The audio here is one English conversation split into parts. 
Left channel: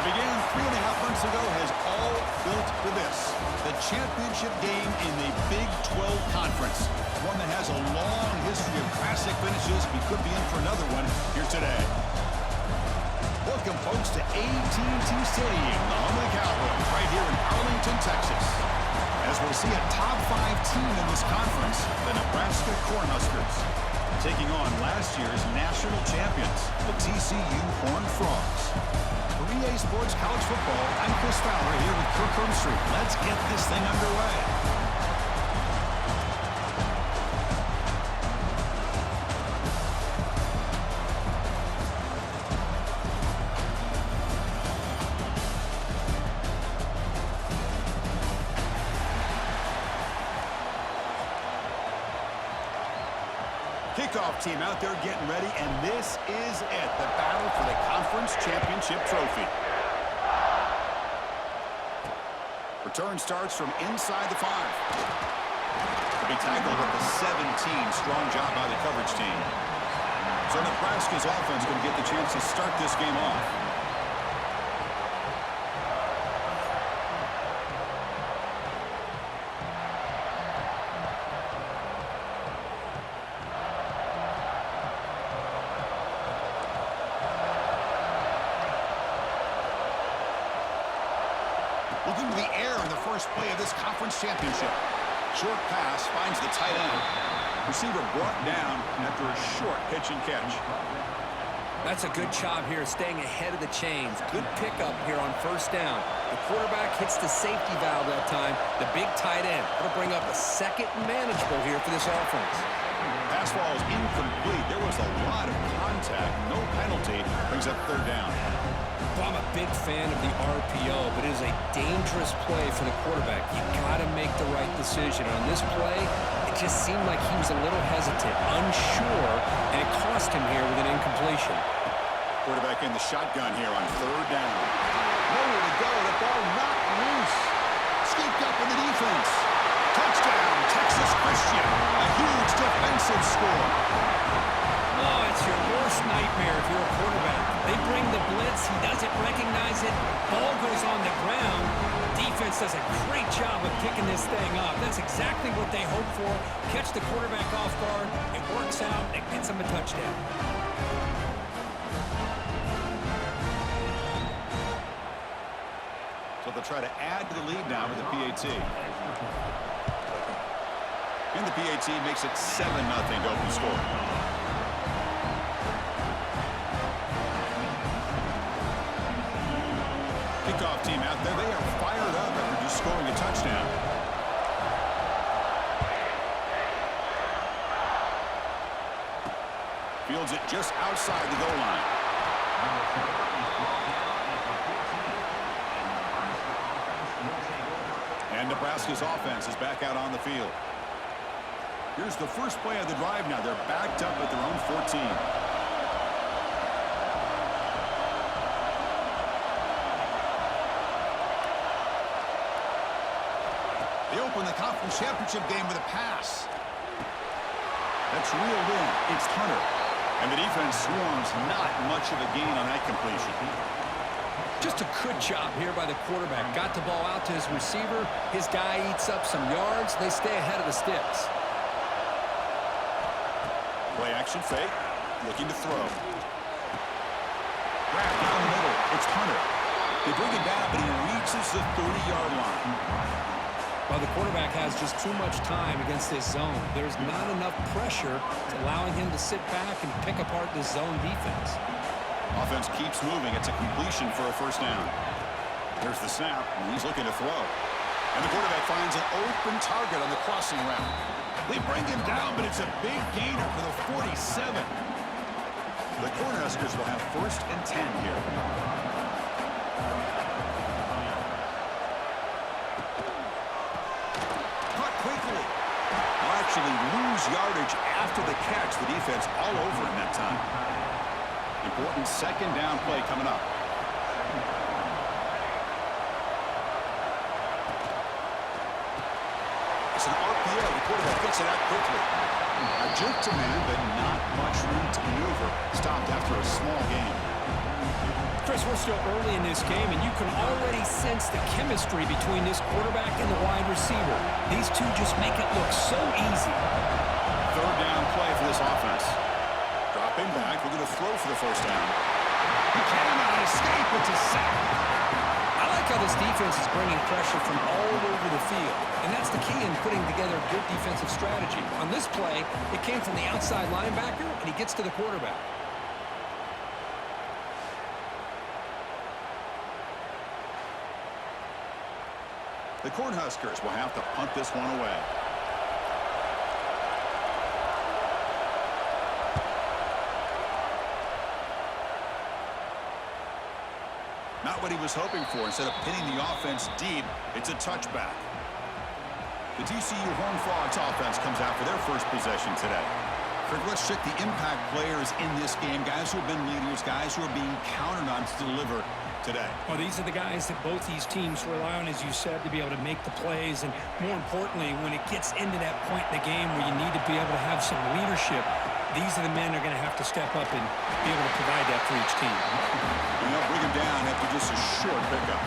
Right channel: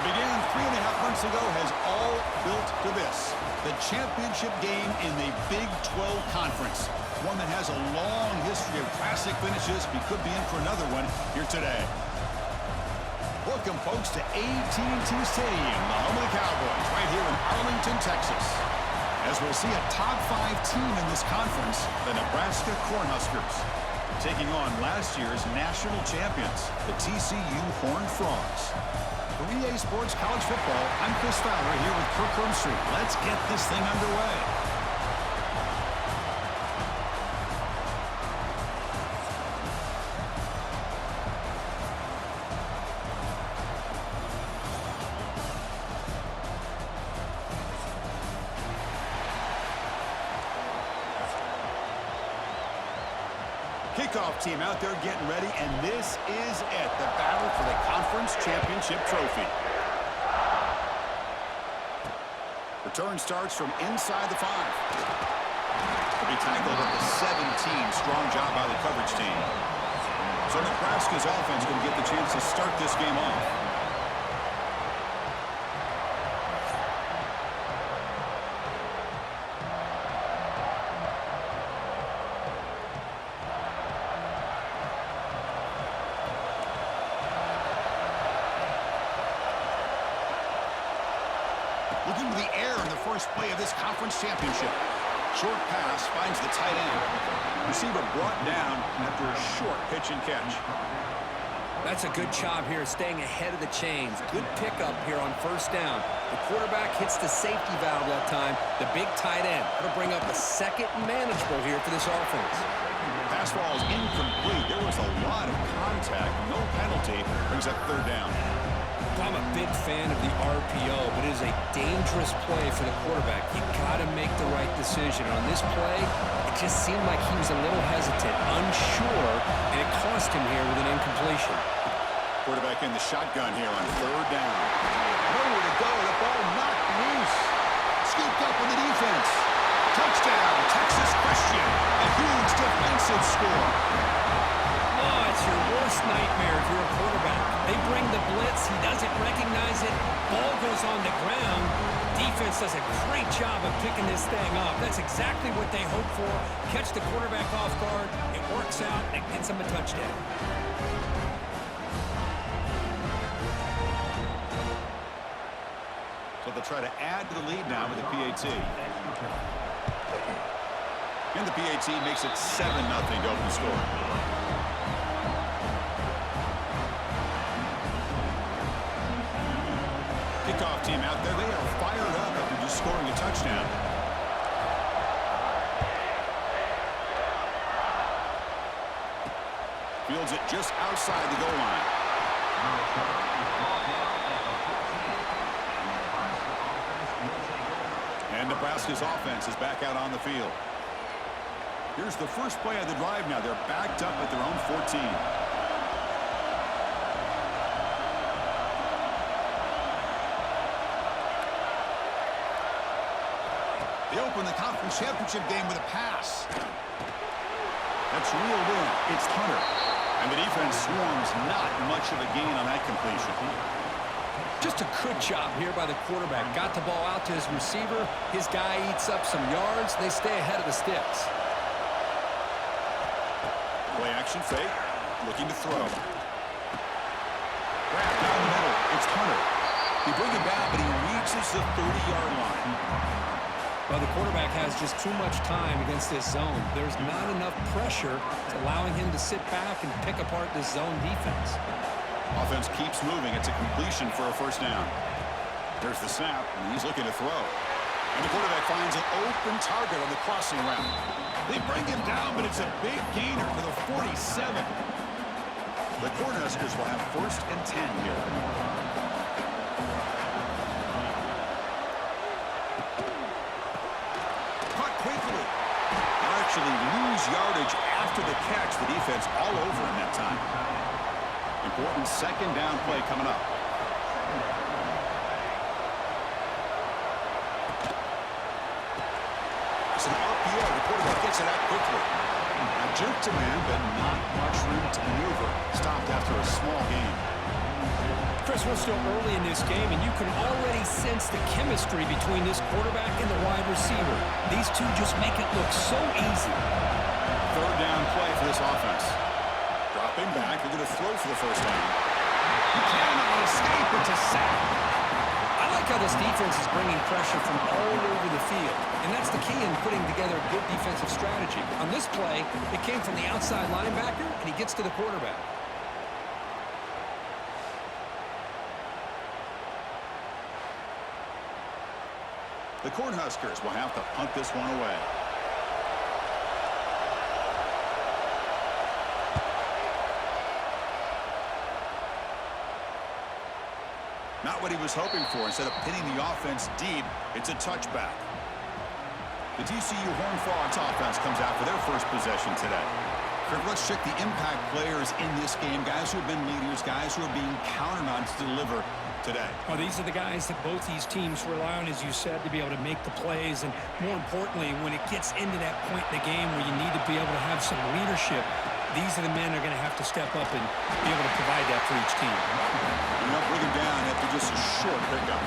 What began 3.5 months ago has all built to this. The championship game in the Big 12 Conference. One that has a long history of classic finishes. We could be in for another one here today. Welcome, folks, to AT&T Stadium, the home of the Cowboys, right here in Arlington, Texas. As we'll see a top 5 team in this conference, the Nebraska Cornhuskers, taking on last year's national champions, the TCU Horned Frogs. For EA Sports College Football, I'm Chris Fowler here with Kirk Hermstreet. Let's get this thing underway. Kickoff team out there getting ready, and this is it, the battle for the conference championship trophy. Return starts from inside the 5. To be tackled at the 17. Strong job by the coverage team. So Nebraska's offense going to get the chance to start this game off. Looking to the air in the first play of this conference championship. Short pass finds the tight end. Receiver brought down after a short pitch and catch. That's a good job here, staying ahead of the chains. Good pickup here on first down. The quarterback hits the safety valve that time. The big tight end. That'll bring up a second and manageable here for this offense. Pass ball is incomplete. There was a lot of contact. No penalty. Brings up third down. Well, I'm a big fan of the RPO, but it is a dangerous play for the quarterback. You got to make the right decision. On this play, it just seemed like he was a little hesitant, unsure, and it cost him here with an incompletion. Quarterback in the shotgun here on third down. Nowhere to go. The ball knocked loose. Scooped up in the defense. Touchdown, Texas Christian. A huge defensive score. Oh, it's your worst nightmare if you're a quarterback. They bring the blitz. He doesn't recognize it. Ball goes on the ground. Defense does a great job of picking this thing up. That's exactly what they hope for. Catch the quarterback off guard. It works out. It gets him a touchdown. So they'll try to add to the lead now with the PAT. And the PAT makes it 7-0 to open the score. Kickoff team out there. They are fired up after just scoring a touchdown. Fields it just outside the goal line. And Nebraska's offense is back out on the field. Here's the first play of the drive now. They're backed up at their own 14. They open the conference championship game with a pass. That's reeled in. It's Hunter. And the defense swarms. Not much of a gain on that completion. Just a good job here by the quarterback. Got the ball out to his receiver. His guy eats up some yards. They stay ahead of the sticks. Play action fake. Looking to throw. Grab down the middle. It's Hunter. They bring him down, but he reaches the 30-yard line. Well, the quarterback has just too much time against this zone. There's not enough pressure to allowing him to sit back and pick apart this zone defense. Offense keeps moving. It's a completion for a first down. There's the snap, and he's looking to throw. And the quarterback finds an open target on the crossing route. They bring him down, but it's a big gainer for the 47. The Cornhuskers will have 1st and 10 here. Caught quickly. They'll actually lose yardage after the catch. The defense all over in that time. Important second down play coming up. It's an RPO idea. The quarterback gets it out quickly. Now, juke to man, but not much room to maneuver. Stopped after a small gain. Chris, we're still early in this game, and you can already sense the chemistry between this quarterback and the wide receiver. These two just make it look so easy. Third down play for this offense. Dropping back, they're going to throw for the first down. He cannot escape. It's a sack. I like how this defense is bringing pressure from all over the field, and that's the key in putting together a good defensive strategy. On this play, it came from the outside linebacker, and he gets to the quarterback. The Cornhuskers will have to punt this one away. Not what he was hoping for. Instead of pinning the offense deep, it's a touchback. The TCU Horned Frogs offense comes out for their first possession today. Kirk, let's check the impact players in this game. Guys who have been leaders, guys who are being counted on to deliver today. Well, these are the guys that both these teams rely on, as you said, to be able to make the plays. And more importantly, when it gets into that point in the game where you need to be able to have some leadership, these are the men that are going to have to step up and be able to provide that for each team. And they'll bring him down after just a short pickup.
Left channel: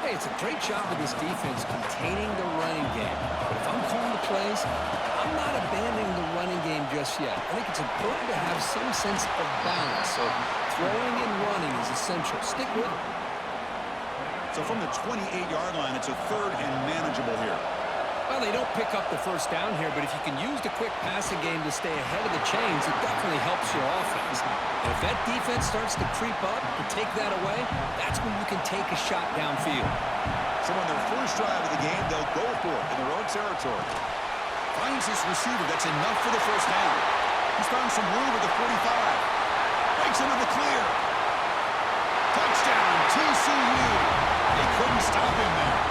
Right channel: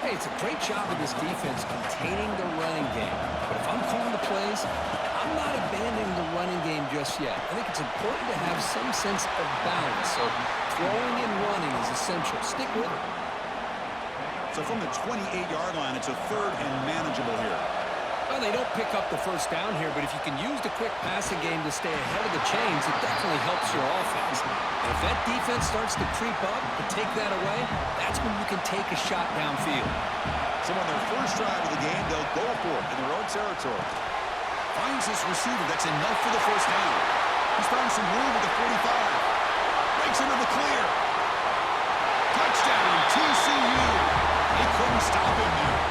Hey, it's a great job of this defense containing the running game. But if I'm calling the plays, I'm not abandoning the running game just yet. I think it's important to have some sense of balance. So throwing and running is essential. Stick with it. So from the 28-yard line, it's a third and manageable here. Well, they don't pick up the first down here, but if you can use the quick passing game to stay ahead of the chains, it definitely helps your offense. And if that defense starts to creep up and take that away, that's when you can take a shot downfield. So on their first drive of the game, they'll go for it in their own territory. Finds his receiver. That's enough for the first down. He's found some room at the 45. Breaks into the clear. Touchdown, TCU. They couldn't stop him there.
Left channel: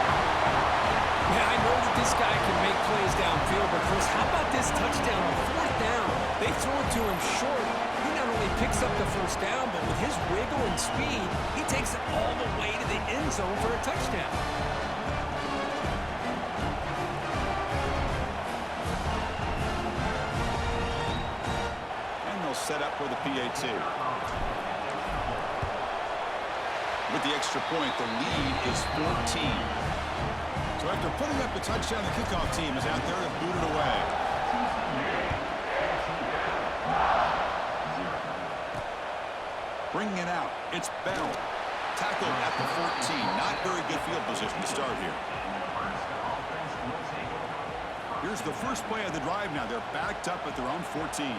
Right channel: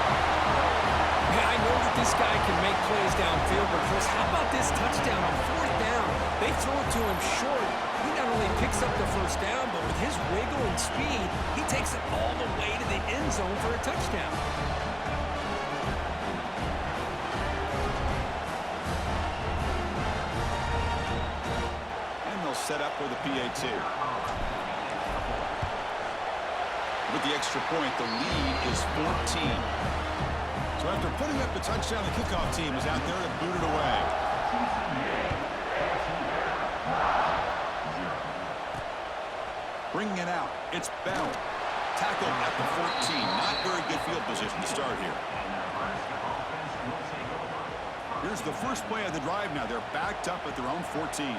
Man, I know that this guy can make plays downfield, but Chris, how about this touchdown on fourth down? They throw it to him short. He not only picks up the first down, but with his wiggle and speed, he takes it all the way to the end zone for a touchdown. And they'll set up for the PAT. With the extra point, the lead is 14. So after putting up the touchdown, the kickoff team is out there to boot it away. Bringing it out, it's Bell. Tackled at the 14. Not very good field position to start here. Here's the first play of the drive now. They're backed up at their own 14.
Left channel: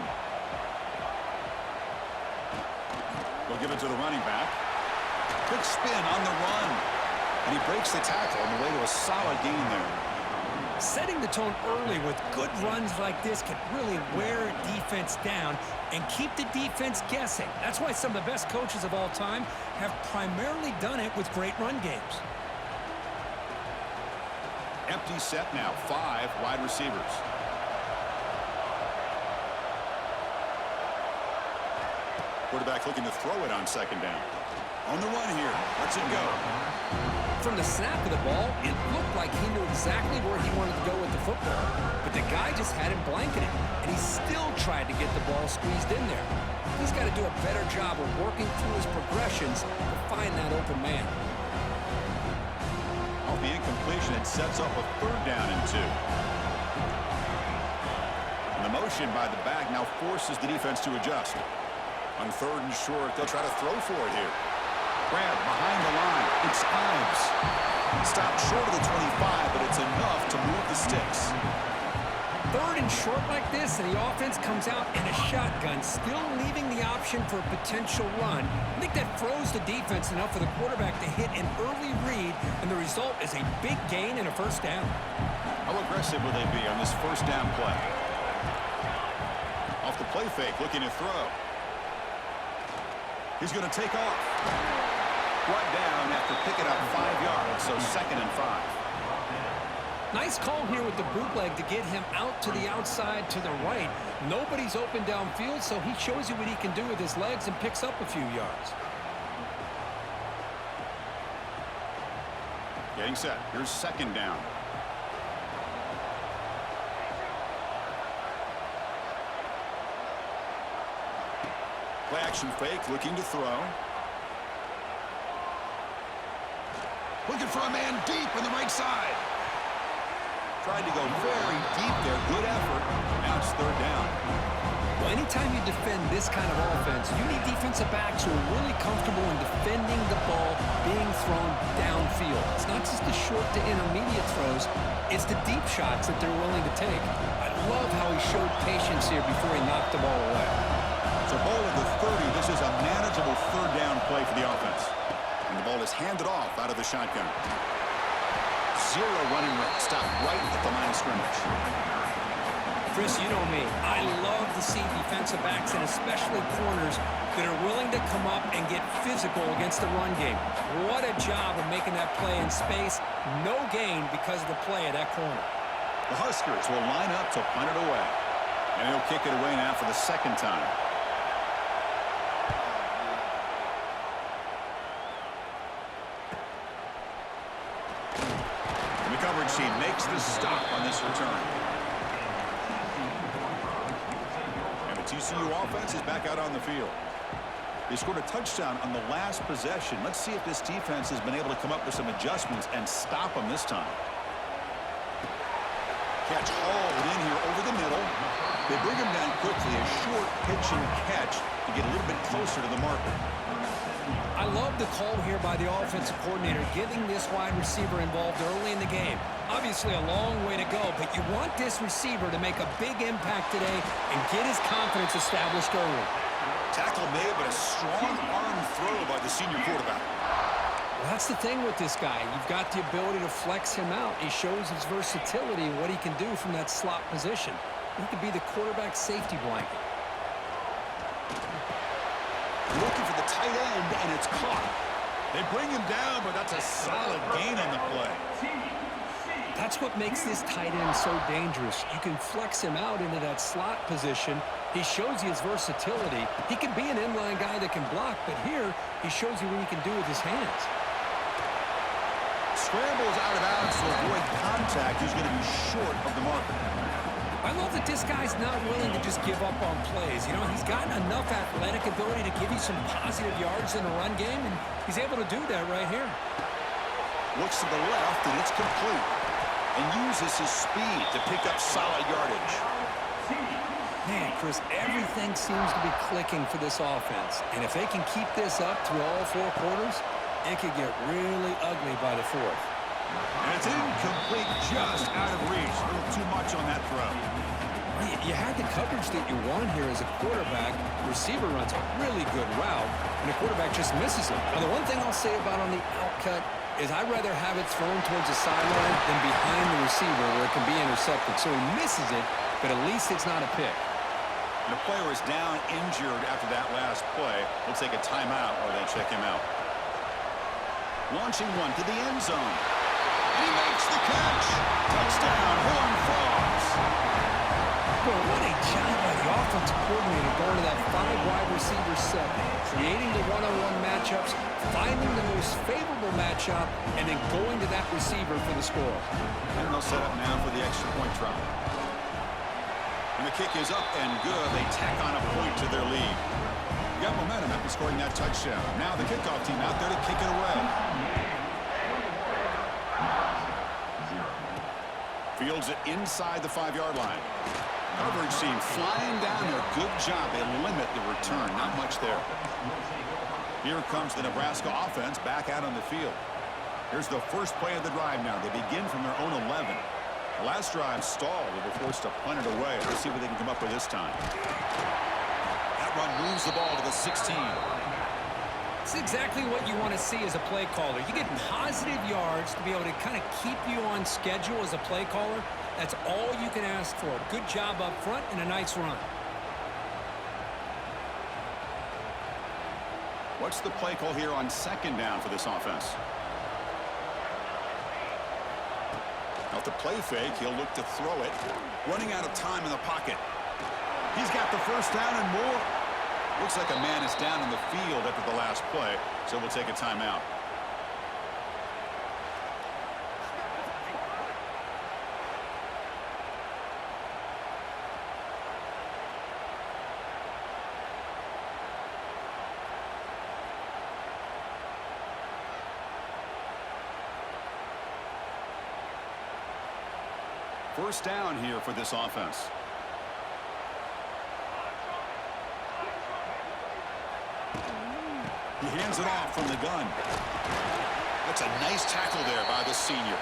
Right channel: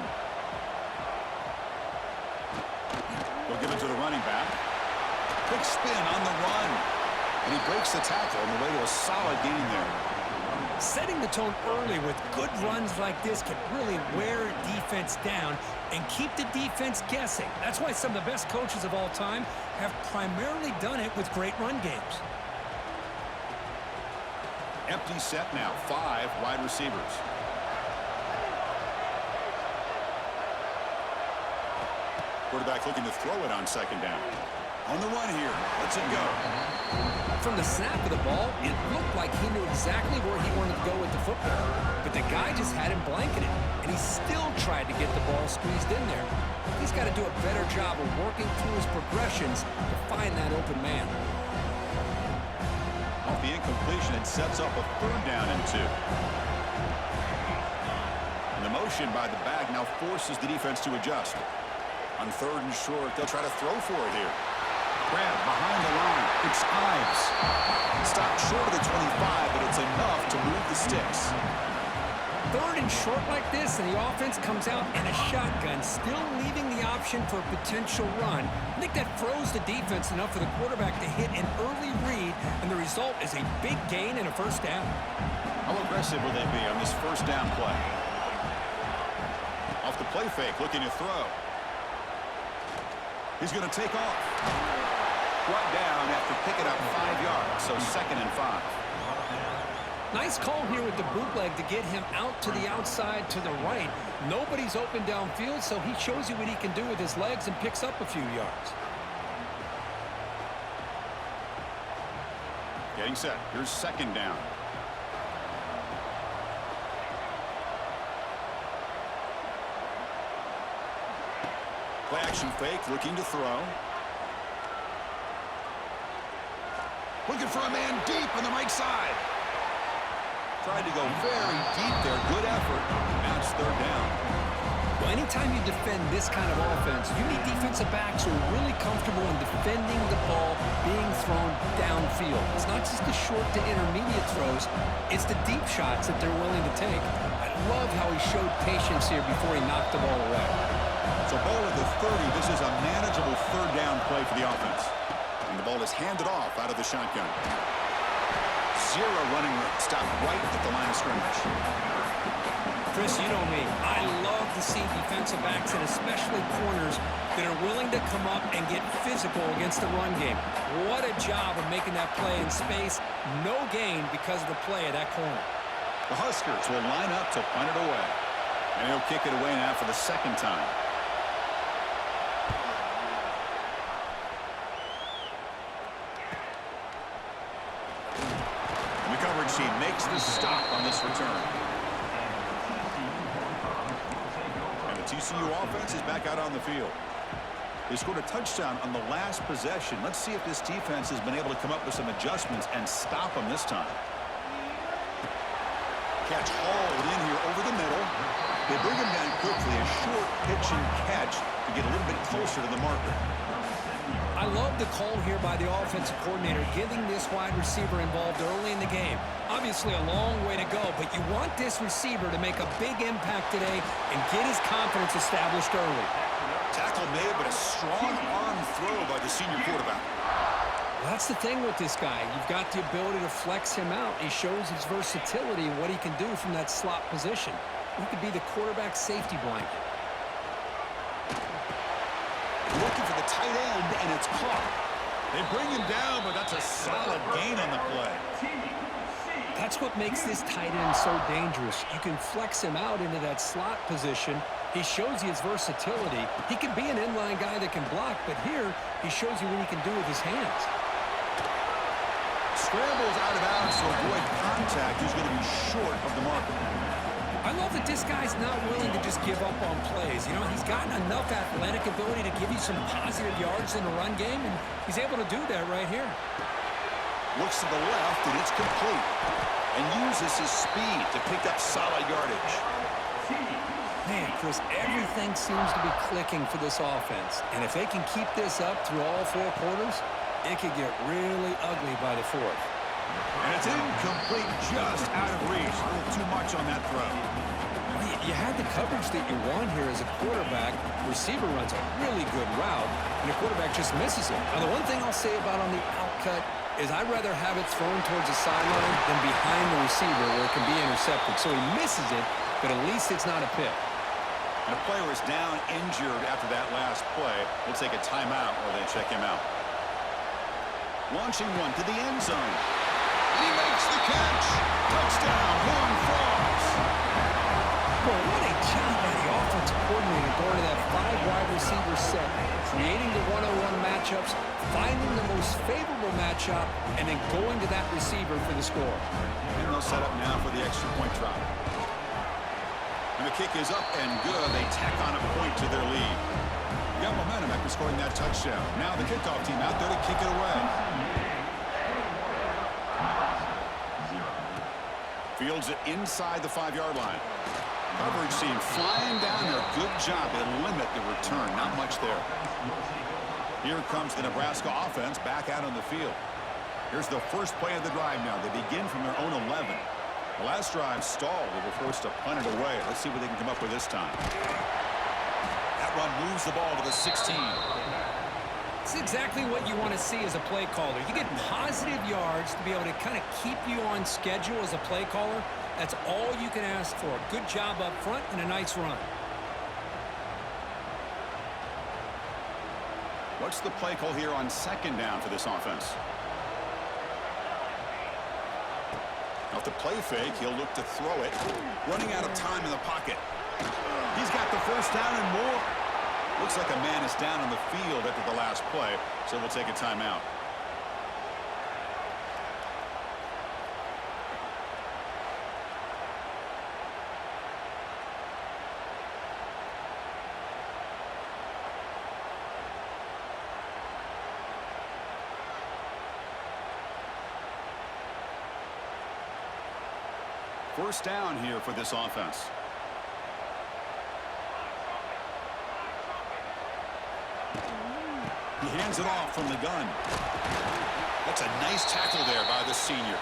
They'll give it to the running back. Quick spin on the run. And he breaks the tackle on the way to a solid gain there. Setting the tone early with good runs like this can really wear a defense down and keep the defense guessing. That's why some of the best coaches of all time have primarily done it with great run games. Empty set now, 5 wide receivers. Quarterback looking to throw it on second down. On the run here, lets it go. From the snap of the ball, it looked like he knew exactly where he wanted to go with the football. But the guy just had him blanketed, and he still tried to get the ball squeezed in there. He's got to do a better job of working through his progressions to find that open man. Off the incompletion, it sets up a third down and 2. And the motion by the back now forces the defense to adjust. On third and short, they'll try to throw for it here. Grab behind the line. It's Ives. Stopped short of the 25, but it's enough to move the sticks. Third and short like this, and the offense comes out in a shotgun, still leaving the option for a potential run. I think that froze the defense enough for the quarterback to hit an early read, and the result is a big gain and a first down. How aggressive will they be on this first down play? Off the play fake, looking to throw. He's going to take off. Brought down after picking up 5 yards, so 2nd and 5. Nice call here with the bootleg to get him out to the outside to the right. Nobody's open downfield, so he shows you what he can do with his legs and picks up a few yards. Getting set. Here's second down. Play action fake, looking to throw. Looking for a man deep on the right side. Tried to go very deep there. Good effort. Now it's third down. Well, anytime you defend this kind of offense, you need defensive backs who are really comfortable in defending the ball being thrown downfield. It's not just the short to intermediate throws. It's the deep shots that they're willing to take. I love how he showed patience here before he knocked the ball away. So ball at the 30. This is a manageable third down play for the offense. And the ball is handed off out of the shotgun. Zero running room. Stop right at the line of scrimmage. Chris, you know me. I love to see defensive backs and especially corners that are willing to come up and get physical against the run game. What a job of making that play in space. No gain because of the play of that corner. The Huskers will line up to punt it away. And he'll kick it away now for the second time. And the coverage team makes the stop on this return. And the TCU offense is back out on the field. They scored a touchdown on the last possession. Let's see if this defense has been able to come up with some adjustments and stop them this time. Catch hauled in here over the middle. They bring him down quickly. A short pitch and catch to get a little bit closer to the marker. I love the call here by the offensive coordinator, getting this wide receiver involved early in the game. Obviously a long way to go, but you want this receiver to make a big impact today and get his confidence established early. Tackle made, but a strong arm throw by the senior quarterback. Well, that's the thing with this guy. You've got the ability to flex him out. He shows his versatility and what he can do from that slot position. He could be the quarterback safety blanket. Looking for the tight end, and it's caught. They bring him down, but that's a solid gain on the play. That's what makes this tight end so dangerous. You can flex him out into that slot position. He shows you his versatility. He can be an inline guy that can block, but here he shows you what he can do with his hands. Scrambles out of bounds to avoid contact. He's going to be short of the marker. I love that this guy's not willing to just give up on plays. You know, he's gotten enough athletic ability to give you some positive yards in the run game, and he's able to do that right here. Looks to the left, and it's complete. And uses his speed to pick up solid yardage. Man, Chris, everything seems to be clicking for this offense. And if they can keep this up through all four quarters, it could get really ugly by the fourth. And it's incomplete, just out of reach. A little too much on that throw. Well, you had the coverage that you want here as a quarterback. Receiver runs a really good route, and the quarterback just misses it. Now, the one thing I'll say about on the outcut is I'd rather have it thrown towards the sideline than behind the receiver where it can be intercepted. So he misses it, but at least it's not a pick. And the player is down injured after that last play. We'll take a timeout while they check him out. Launching one to the end zone. And he makes the catch. Touchdown, Horned Frogs. Boy, what a job by the offensive coordinator going to that 5-wide receiver set, creating the one-on-one matchups, finding the most favorable matchup, and then going to that receiver for the score. And they'll set up now for the extra point try. And the kick is up and good. They tack on a point to their lead. They got momentum after scoring that touchdown. Now the kickoff team out there to kick it away. Fields it inside the 5-yard line. Coverage team flying down there. Good job. They limit the return. Not much there. Here comes the Nebraska offense back out on the field. Here's the first play of the drive now. They begin from their own 11. The last drive stalled. They were forced to punt it away. Let's see what they can come up with this time. That run moves the ball to the 16. It's exactly what you want to see as a play caller. You get positive yards to be able to kind of keep you on schedule as a play caller. That's all you can ask for. Good job up front and a nice run. What's the play call here on second down for this offense? Off the play fake, he'll look to throw it. Running out of time in the pocket. He's got the first down and more. Looks like a man is down on the field after the last play, so we'll take a timeout. First down here for this offense. He hands it off from the gun. That's a nice tackle there by the senior.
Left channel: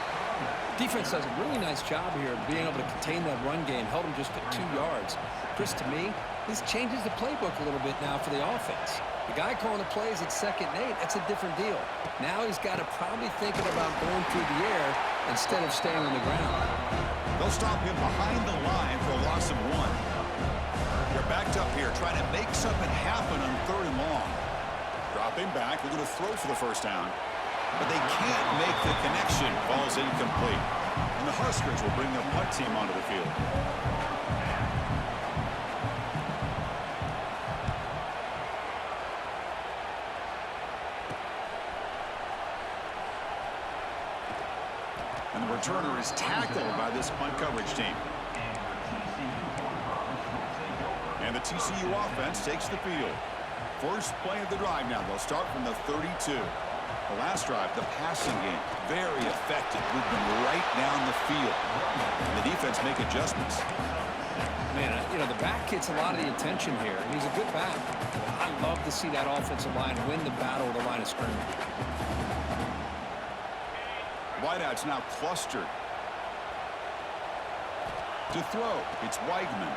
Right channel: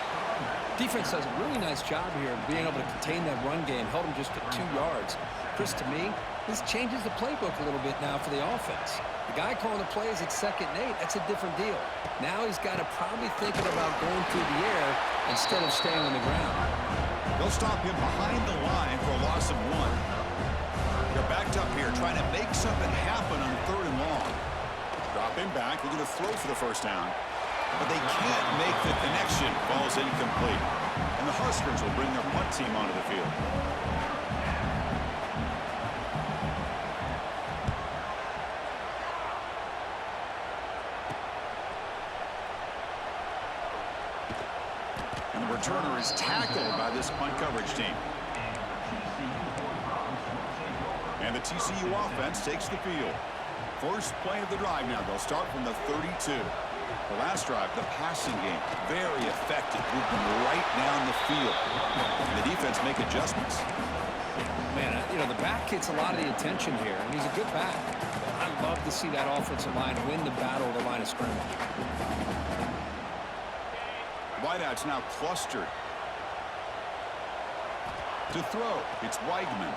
Defense does a really nice job here of being able to contain that run game, held him just at 2 yards. Chris, to me, this changes the playbook a little bit now for the offense. The guy calling the plays at 2nd and 8, that's a different deal. Now he's got to probably thinking about going through the air instead of staying on the ground. They'll stop him behind the line for a loss of 1. They're backed up here trying to make something happen on 3rd and long. Drop him back. We're going to throw for the first down. But they can't make the connection. Ball's incomplete. And the Huskers will bring their punt team onto the field. And the returner is tackled by this punt coverage team. And the TCU offense takes the field. First play of the drive now. They'll start from the 32. The last drive, the passing game, very effective, moving right down the field. And the defense make adjustments. Man, the back gets a lot of the attention here, and he's a good back. But I love to see that offensive line win the battle of the line of scrimmage. Wideouts now clustered. To throw, it's Weigman.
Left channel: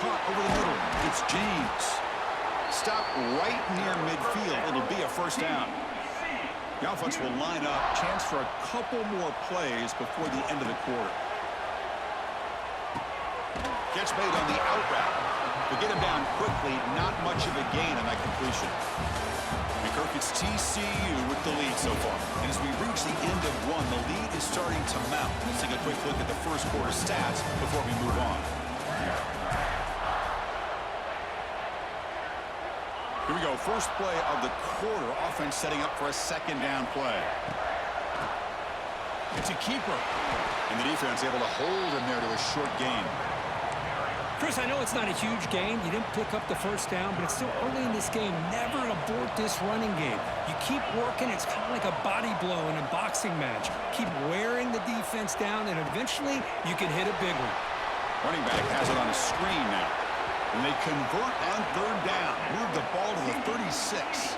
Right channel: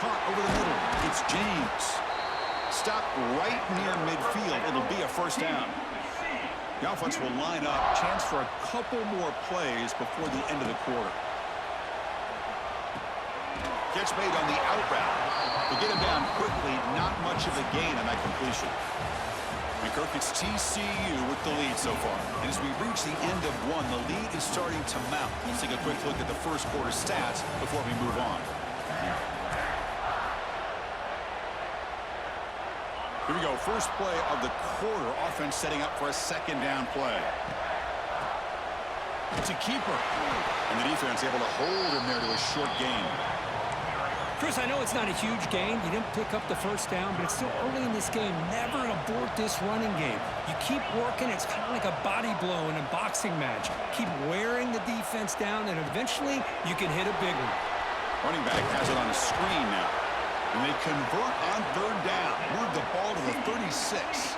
Caught over the middle, it's James. Stop right near midfield. It'll be a first down. The offense will line up. Chance for a couple more plays before the end of the quarter. Catch made on the out route. To get him down quickly, not much of a gain on that completion. And Kirk, it's TCU with the lead so far. And as we reach the end of 1, the lead is starting to mount. Let's take a quick look at the first quarter stats before we move on. Here we go. First play of the quarter. Offense setting up for a 2nd down play. It's a keeper. And the defense able to hold him there to a short gain. Chris, I know it's not a huge gain. You didn't pick up the first down, but it's still early in this game. Never abort this running game. You keep working. It's kind of like a body blow in a boxing match. Keep wearing the defense down, and eventually you can hit a big one. Running back has it on a screen now. And they convert on 3rd down. Move the ball to the 36.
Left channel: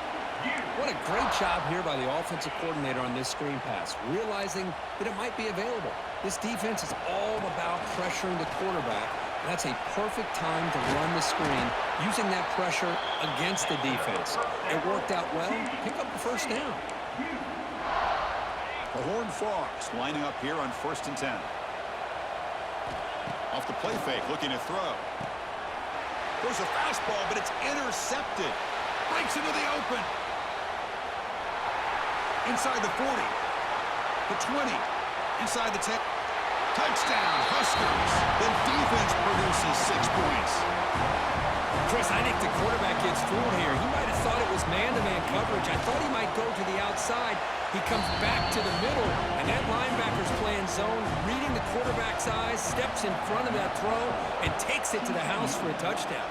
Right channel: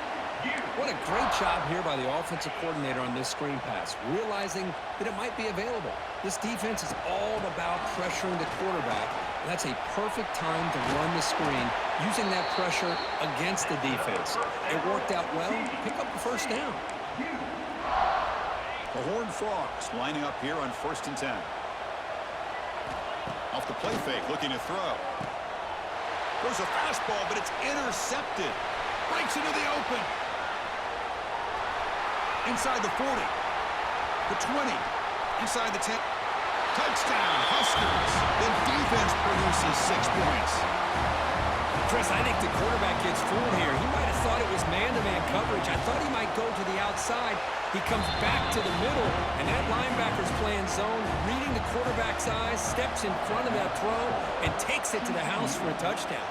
What a great job here by the offensive coordinator on this screen pass, realizing that it might be available. This defense is all about pressuring the quarterback, and that's a perfect time to run the screen using that pressure against the defense. It worked out well. Pick up the first down. The Horned Frogs lining up here on 1st and 10. Off the play fake, looking to throw. Goes a fastball, but it's intercepted. Breaks into the open. Inside the 40. The 20. Inside the 10. Touchdown, Huskers. The defense produces 6 points. Chris, I think the quarterback gets fooled here. He might have thought it was man-to-man coverage. I thought he might go to the outside. He comes back to the middle, and that linebacker's playing zone, reading the quarterback's eyes, steps in front of that throw, and takes it to the house for a touchdown.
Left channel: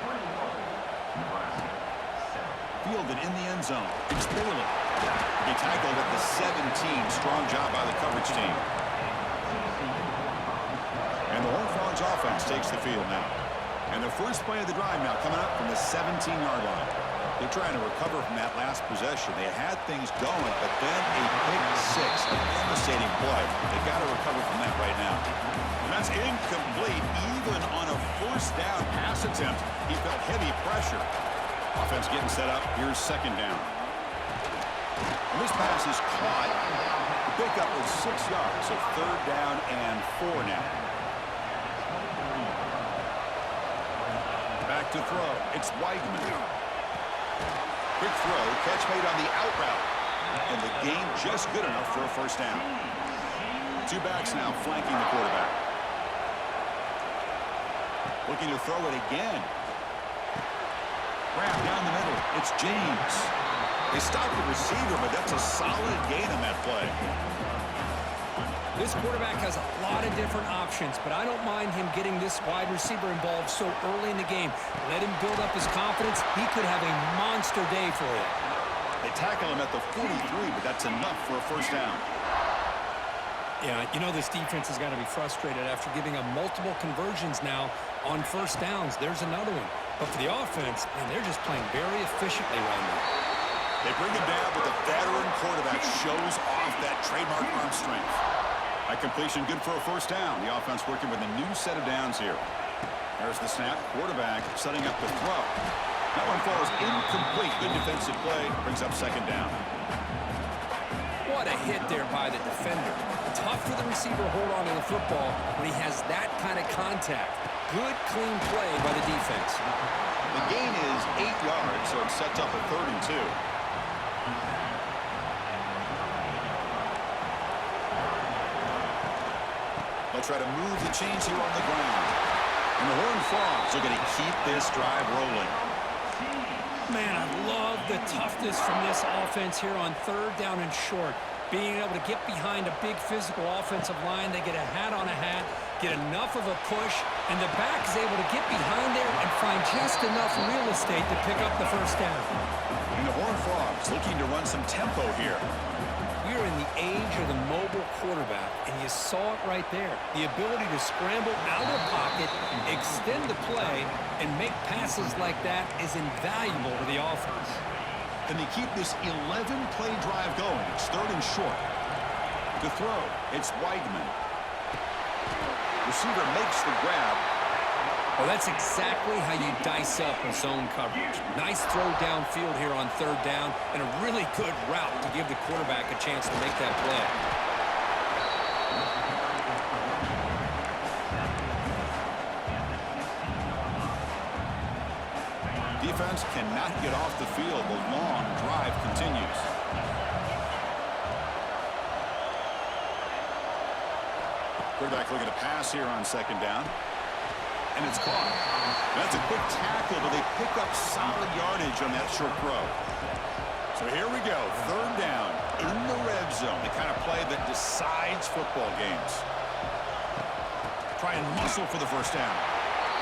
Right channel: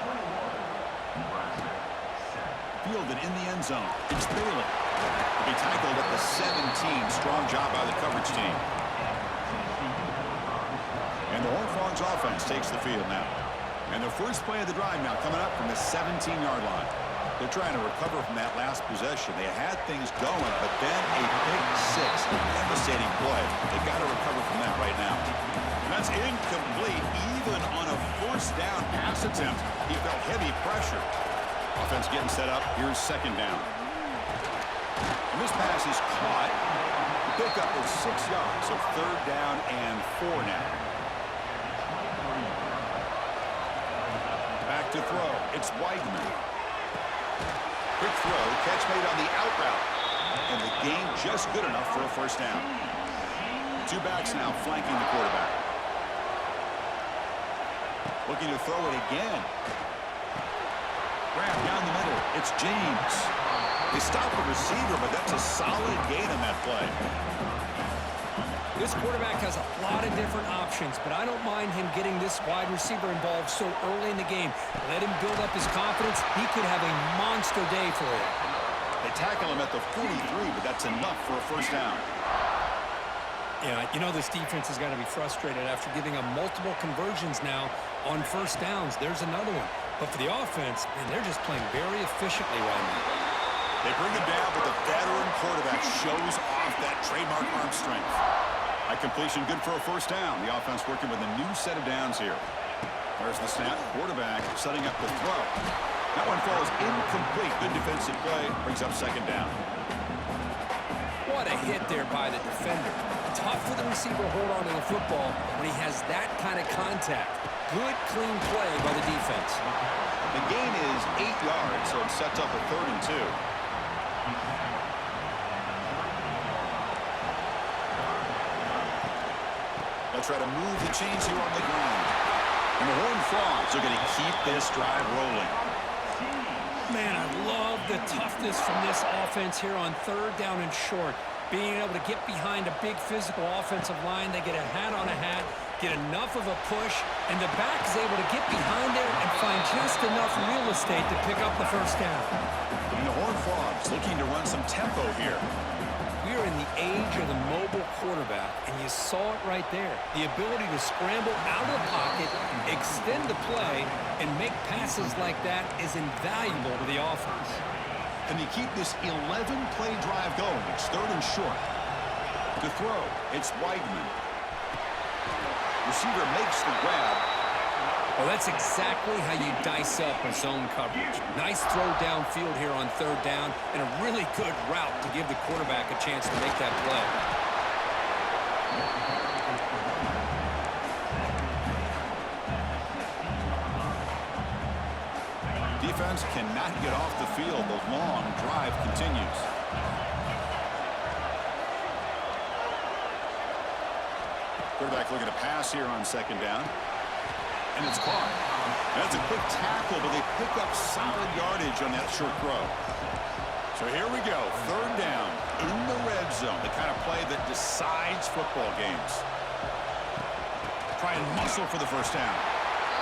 Fielded in the end zone. It's Bailey. To be tackled at the 17. Strong job by the coverage team. And the Horned Frogs offense takes the field now. And the first play of the drive now coming up from the 17-yard line. They're trying to recover from that last possession. They had things going, but then a pick 6, a devastating play. They got to recover from that right now. And that's incomplete. Even on a first down pass attempt, he felt heavy pressure. Offense getting set up. Here's 2nd down. And this pass is caught. The pickup was 6 yards, so 3rd down and 4 now. Back to throw. It's Weigman. Quick throw. Catch made on the out route. And the gain just good enough for a first down. 2 backs now flanking the quarterback. Looking to throw it again. Grab down the middle. It's James. They stop the receiver, but that's a solid gain on that play. This quarterback has a lot of different options, but I don't mind him getting this wide receiver involved so early in the game. Let him build up his confidence. He could have a monster day for you. They tackle him at the 43, but that's enough for a first down. Yeah, you know this defense has got to be frustrated after giving up multiple conversions now on first downs. There's another one. But for the offense, man, they're just playing very efficiently right now. They bring him down, but the veteran quarterback shows off that trademark arm strength. High completion, good for a first down. The offense working with a new set of downs here. There's the snap. Quarterback setting up the throw. That one falls incomplete. Good defensive play. Brings up second down. What a hit there by the defender. Tough for the receiver to hold on to the football when he has that kind of contact. Good, clean play by the defense. The gain is 8 yards, so it sets up a 3rd and 2. They'll try to move the chains here on the ground. And the Horned Frogs are going to keep this drive rolling. Man, I love the toughness from this offense here on 3rd down and short. Being able to get behind a big physical offensive line. They get a hat on a hat, get enough of a push, and the back is able to get behind there and find just enough real estate to pick up the first down. And the Horned Frogs looking to run some tempo here. We are in the age of the mobile quarterback, and you saw it right there. The ability to scramble out of the pocket, extend the play, and make passes like that is invaluable to the offense. Can they keep this 11-play drive going? It's 3rd and short. To throw, it's Weigman. Receiver makes the grab. Well, that's exactly how you dice up a zone coverage. Nice throw downfield here on 3rd down, and a really good route to give the quarterback a chance to make that play. Defense cannot get off the field. The long drive continues. Quarterback looking to pass here on 2nd down. And it's caught. That's a quick tackle, but they pick up solid yardage on that short throw. So here we go. 3rd down in the red zone. The kind of play that decides football games. Try and muscle for the first down.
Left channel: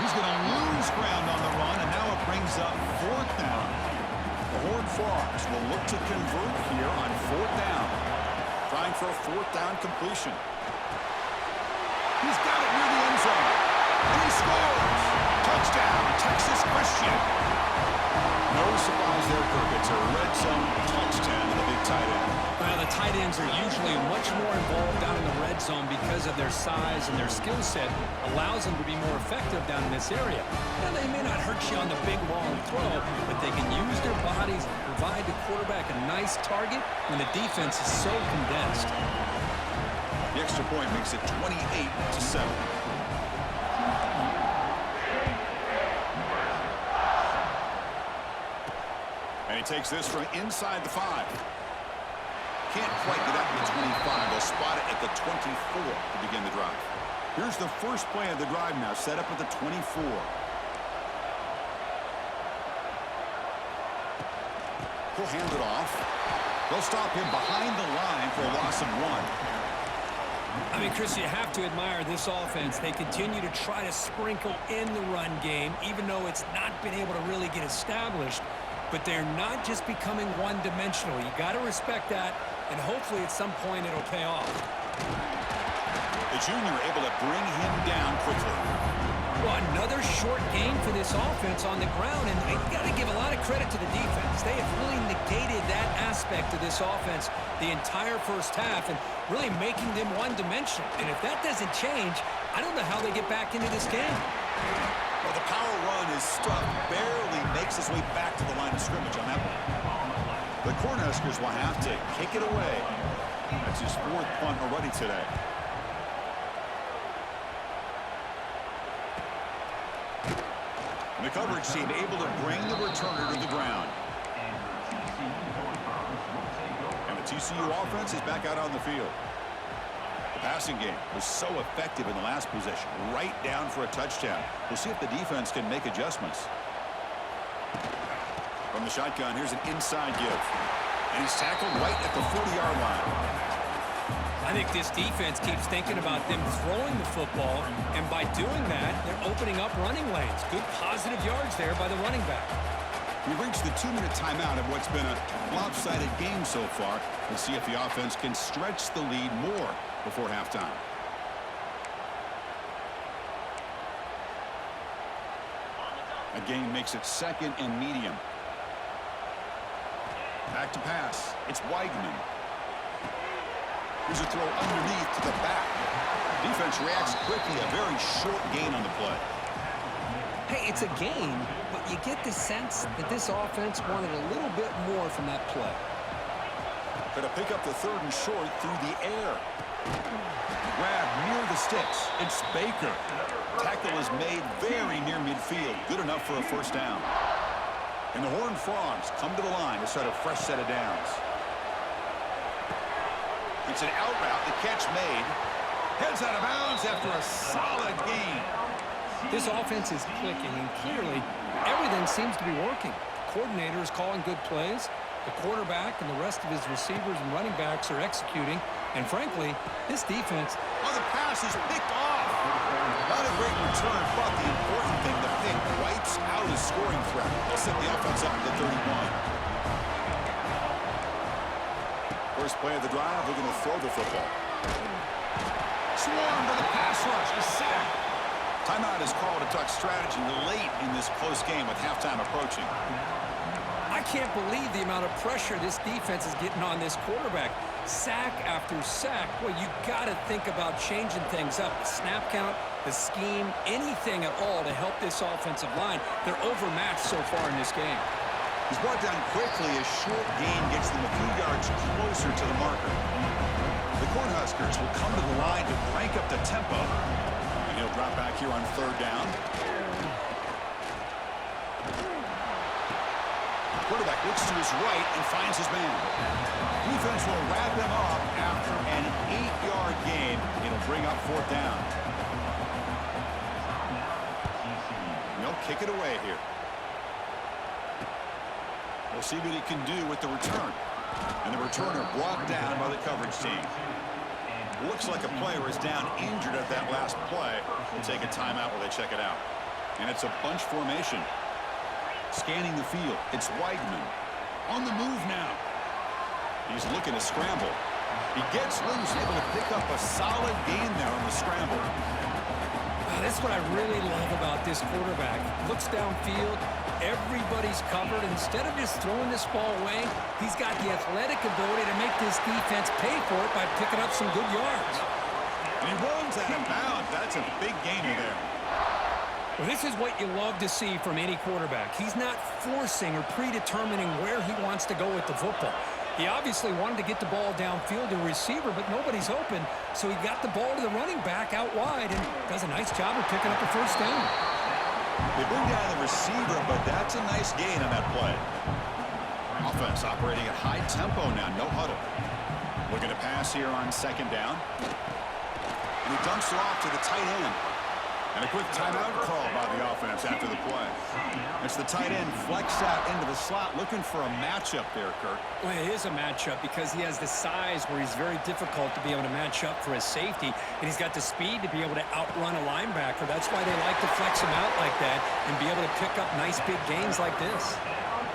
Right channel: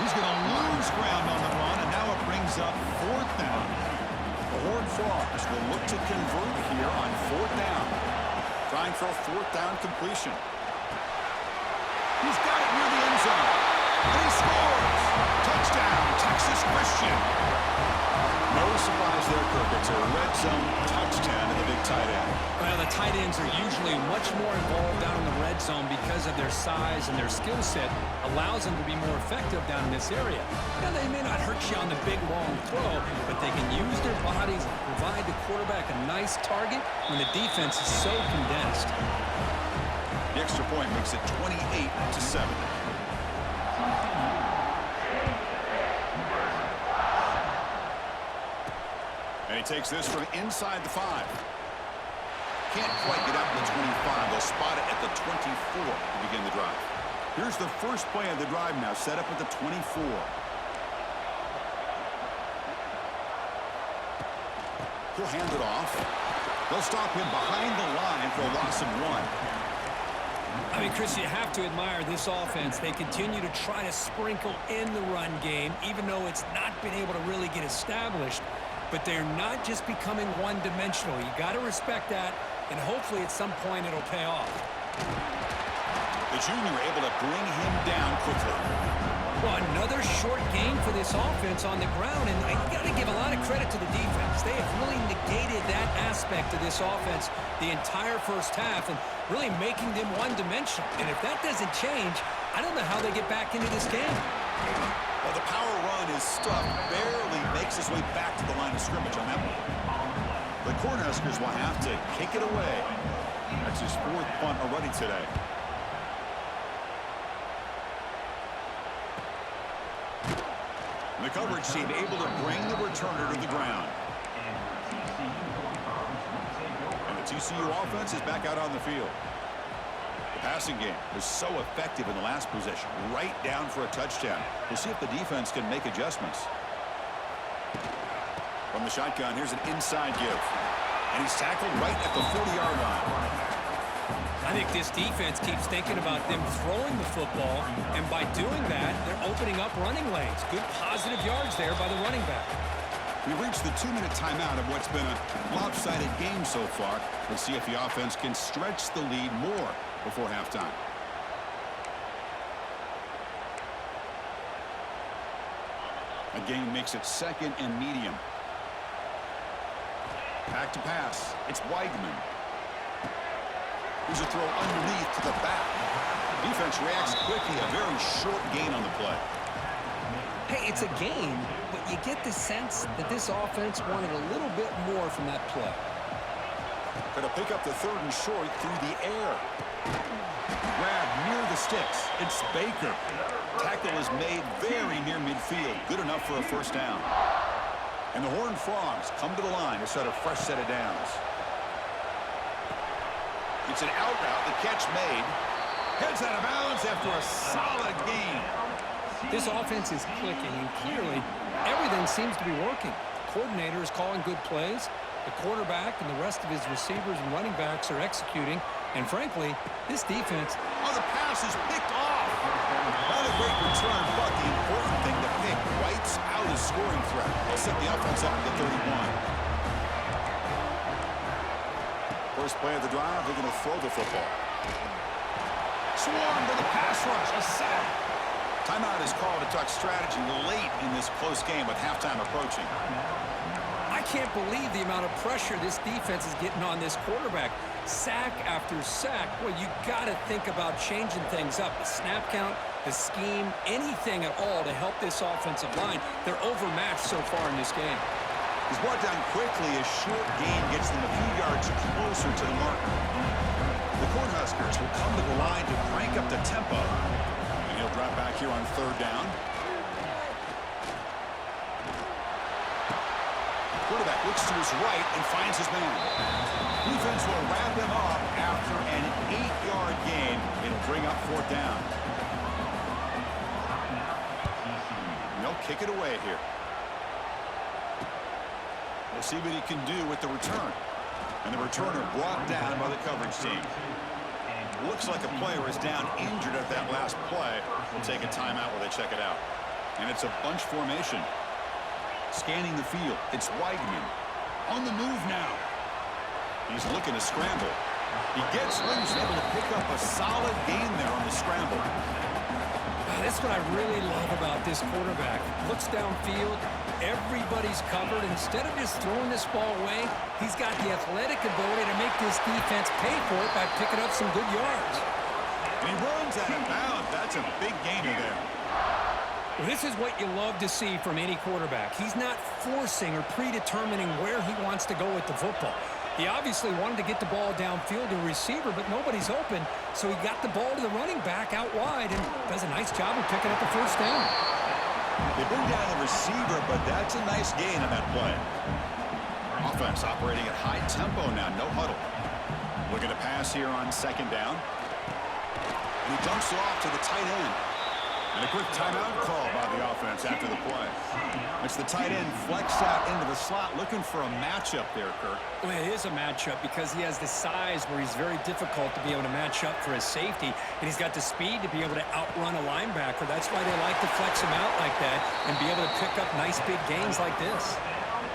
He's going to lose ground on the run, and now it brings up 4th down. The Horned Frogs will look to convert here on 4th down. Trying for a 4th down completion. He's got it near the end zone. And he scores! Touchdown, Texas Christian. No surprise there, Kirk. It's a red zone touchdown to the big tight end. Well, the tight ends are usually much more involved down in the red zone because of their size, and their skill set allows them to be more effective down in this area. Now, they may not hurt you on the big, long throw, but they can use their bodies to provide the quarterback a nice target when the defense is so condensed. The extra point makes it 28-7. And he takes this from inside the 5. Can't quite get out to the 25. They'll spot it at the 24 to begin the drive. Here's the first play of the drive now, set up at the 24. He'll hand it off. They'll stop him behind the line for a loss of 1. I mean, Chris, you have to admire this offense. They continue to try to sprinkle in the run game, even though it's not been able to really get established. But they're not just becoming one-dimensional. You got to respect that, and hopefully at some point it'll pay off. The junior able to bring him down quickly. Well, another short game for this offense on the ground, and you got to give a lot of credit to the defense. They have really negated that aspect of this offense the entire first half and really making them one-dimensional. And if that doesn't change, I don't know how they get back into this game. Well, the power run is stuffed, barely makes his way back to the line of scrimmage on that one. The Cornhuskers will have to kick it away. That's his 4th punt already today. And the coverage team able to bring the returner to the ground. And the TCU offense is back out on the field. The passing game was so effective in the last possession, right down for a touchdown. We'll see if the defense can make adjustments. From the shotgun, here's an inside give. And he's tackled right at the 40-yard line. I think this defense keeps thinking about them throwing the football, and by doing that, they're opening up running lanes. Good positive yards there by the running back. We've reached the 2-minute timeout of what's been a lopsided game so far. Let's see if the offense can stretch the lead more before halftime. A gain makes it 2nd and medium. Back to pass. It's Weigman. Here's a throw underneath to the back. Defense reacts quickly. A very short gain on the play. Hey, it's a gain, but you get the sense that this offense wanted a little bit more from that play. Going to pick up the 3rd and short through the air. Grab near the sticks. It's Baker. Tackle is made very near midfield. Good enough for a first down. And the Horned Frogs come to the line to start a fresh set of downs. It's an out route. The catch made. Heads out of bounds after a solid gain. This offense is clicking, and clearly everything seems to be working. The coordinator is calling good plays. The quarterback and the rest of his receivers and running backs are executing. And frankly, this defense... Oh, the pass is picked off. Not a great return, but the important thing, the pick wipes out a scoring threat. They'll set the offense up at the 31. First play of the drive, they're going to throw the football. Swarm to the pass rush, a sack. Timeout is called to talk strategy late in this close game with halftime approaching. I can't believe the amount of pressure this defense is getting on this quarterback. Sack after sack. Well, you got to think about changing things up. The snap count, the scheme, anything at all to help this offensive line. They're overmatched so far in this game. He's brought down quickly. A short gain gets them a few yards closer to the marker. The Cornhuskers will come to the line to crank up the tempo. And he'll drop back here on 3rd down. Quarterback looks to his right and finds his man. Defense will wrap him up after an 8-yard gain. It'll bring up 4th down. And they'll kick it away here. We'll see what he can do with the return. And the returner brought down by the coverage team. Looks like a player is down injured at that last play. We'll take a timeout while they check it out. And it's a bunch formation. Scanning the field, it's Weigman. On the move now. He's looking to scramble. He gets loose, able to pick up a solid gain there on the scramble. That's what I really love about this quarterback. Looks downfield, everybody's covered. Instead of just throwing this ball away, he's got the athletic ability to make this defense pay for it by picking up some good yards. And he runs out of bounds. That's a big gainer there. Well, this is what you love to see from any quarterback. He's not forcing or predetermining where he wants to go with the football. He obviously wanted to get the ball downfield to a receiver, but nobody's open, so he got the ball to the running back out wide and does a nice job of picking up a first down. They bring down the receiver, but that's a nice gain on that play. Offense operating at high tempo now, no huddle. Looking to pass here on 2nd down. And he dumps it off to the tight end. And a quick timeout call by the offense after the play. It's the tight end flexed out into the slot, looking for a matchup there, Kirk. Well, it is a matchup because he has the size where he's very difficult to be able to match up for his safety, and he's got the speed to be able to outrun a linebacker. That's why they like to flex him out like that and be able to pick up nice big gains like this.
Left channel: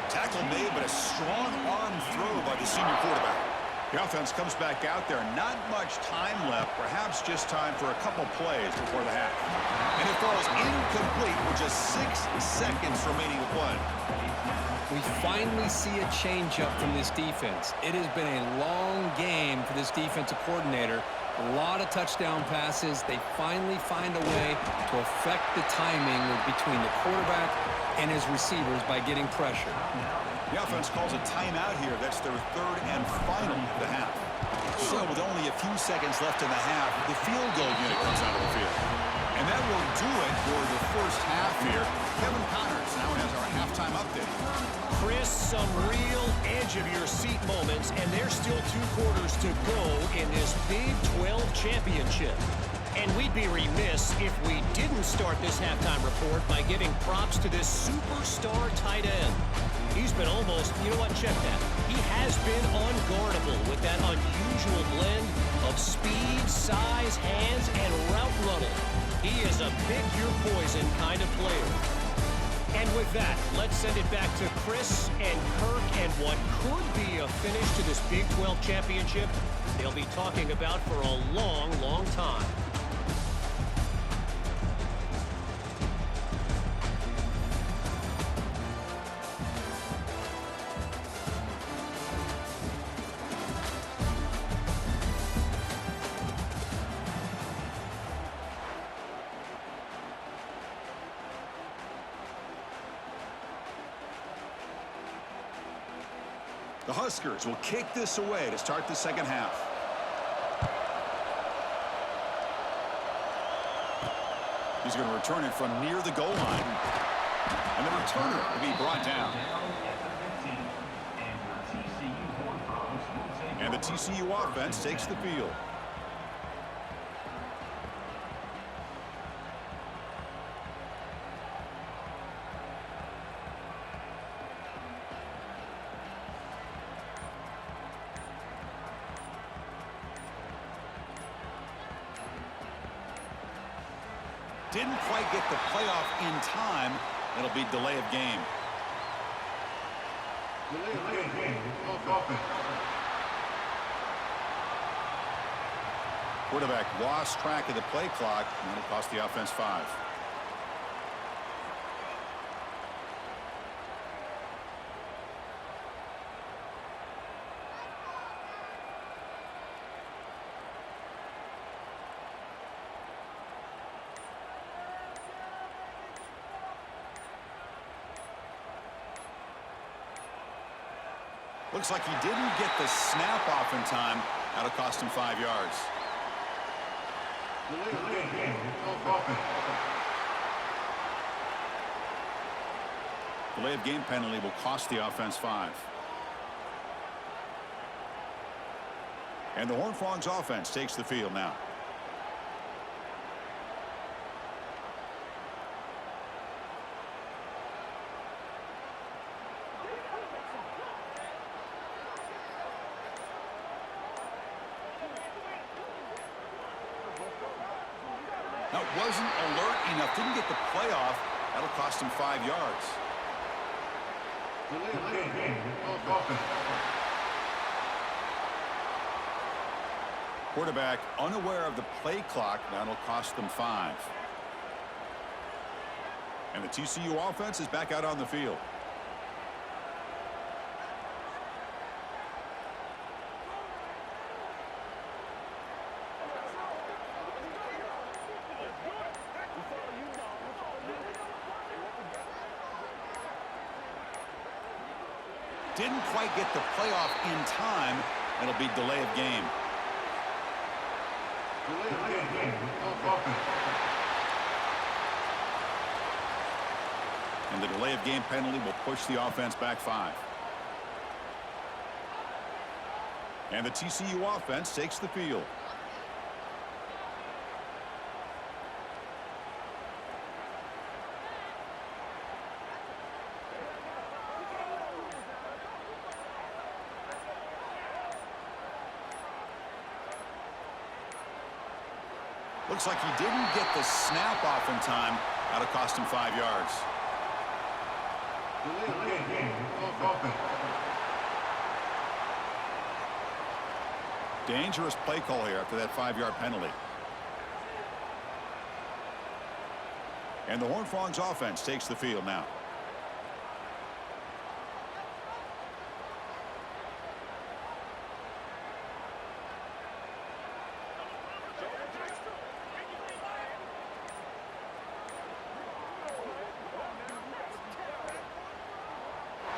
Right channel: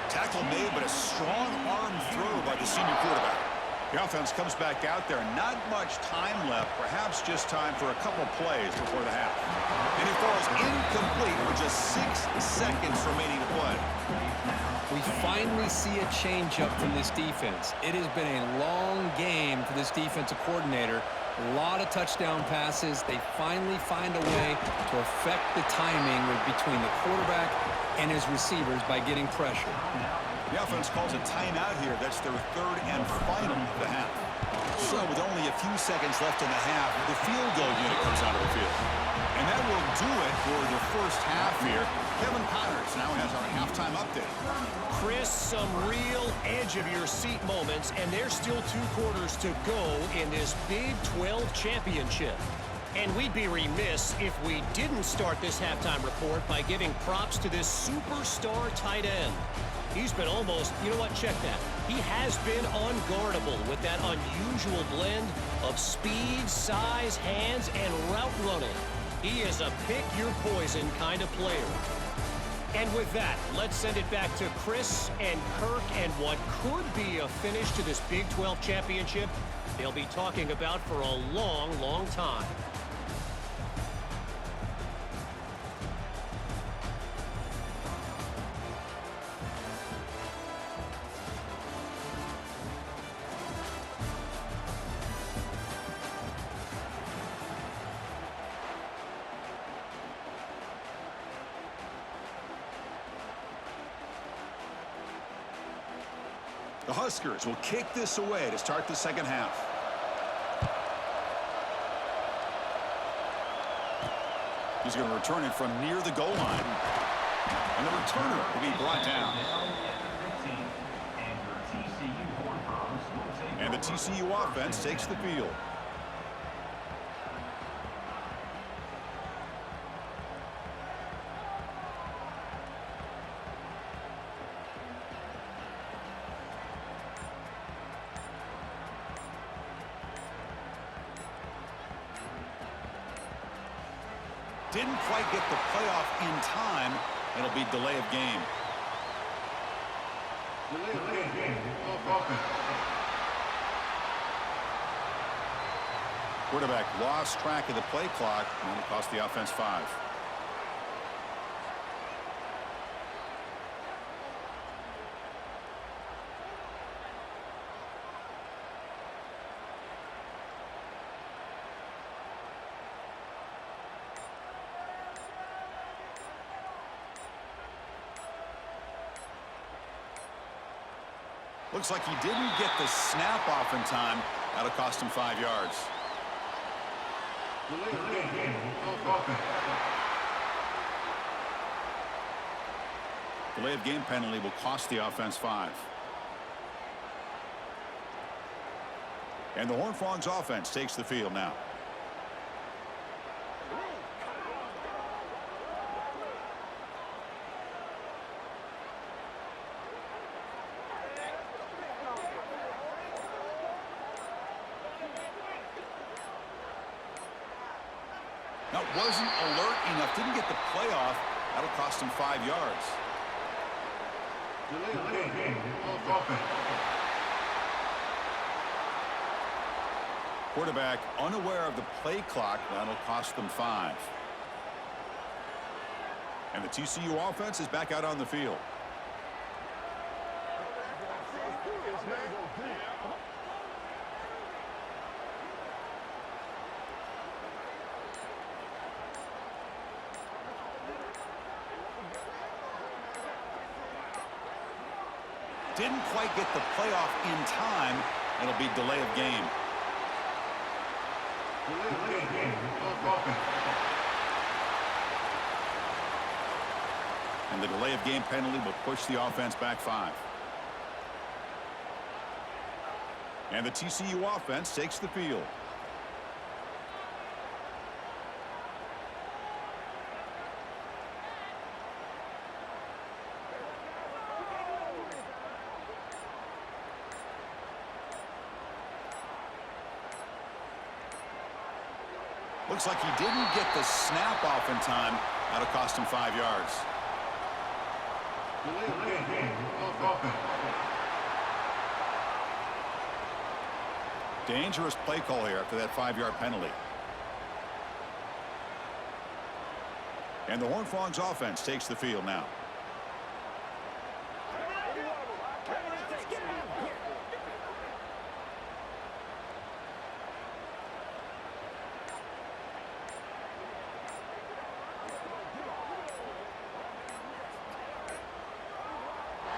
Tackle made, but a strong arm throw by the senior quarterback. The offense comes back out there. Not much time left. Perhaps just time for a couple plays before the half. And it falls incomplete with just 6 seconds remaining to play. We finally see a changeup from this defense. It has been a long game for this defensive coordinator. A lot of touchdown passes. They finally find a way to affect the timing between the quarterback and his receivers by getting pressure. The offense calls a timeout here. That's their 3rd and final of the half. So with only a few seconds left in the half, the field goal unit comes out of the field. And that will do it for the first half here. Kevin Connors now has our halftime update. Chris, some real edge-of-your-seat moments, and there's still 2 quarters to go in this Big 12 championship. And we'd be remiss if we didn't start this halftime report by giving props to this superstar tight end. He's been almost, you know what, check that. He has been unguardable with that unusual blend of speed, size, hands, and route running. He is a pick-your-poison kind of player. And with that, let's send it back to Chris and Kirk and what could be a finish to this Big 12 championship they'll be talking about for a long, long time. The Huskers will kick this away to start the second half. He's going to return it from near the goal line. And the returner will be brought down. And the TCU offense takes the field. Didn't quite get the playoff in time. It'll be delay of game. Delay of game. Quarterback lost track of the play clock, and it'll cost the offense 5. Looks like he didn't get the snap off in time. That'll cost him 5 yards. Delay of game penalty will cost the offense 5. And the Horned Frogs offense takes the field now. Now, wasn't alert enough, didn't get the playoff. That'll cost him 5 yards. Quarterback unaware of the play clock. That'll cost them 5. And the TCU offense is back out on the field. Didn't quite get the playoff in time. It'll be delay of game. And the delay of game penalty will push the offense back 5. And the TCU offense takes the field. Looks like he didn't get the snap off in time. That'll cost him 5 yards. Dangerous play call here after that 5-yard penalty. And the Horned Frogs offense takes the field now.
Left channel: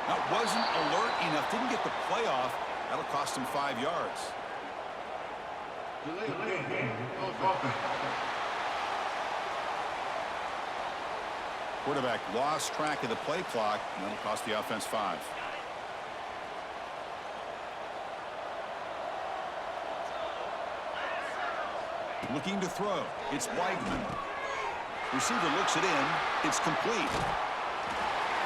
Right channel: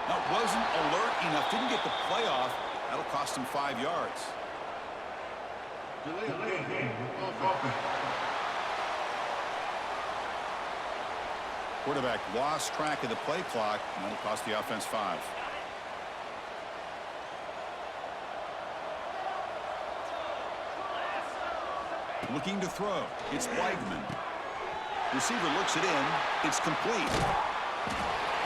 Now, wasn't alert enough, didn't get the playoff. That'll cost him 5 yards. Quarterback lost track of the play clock, and that'll cost the offense 5. Looking to throw. It's Weigman. Receiver looks it in. It's complete.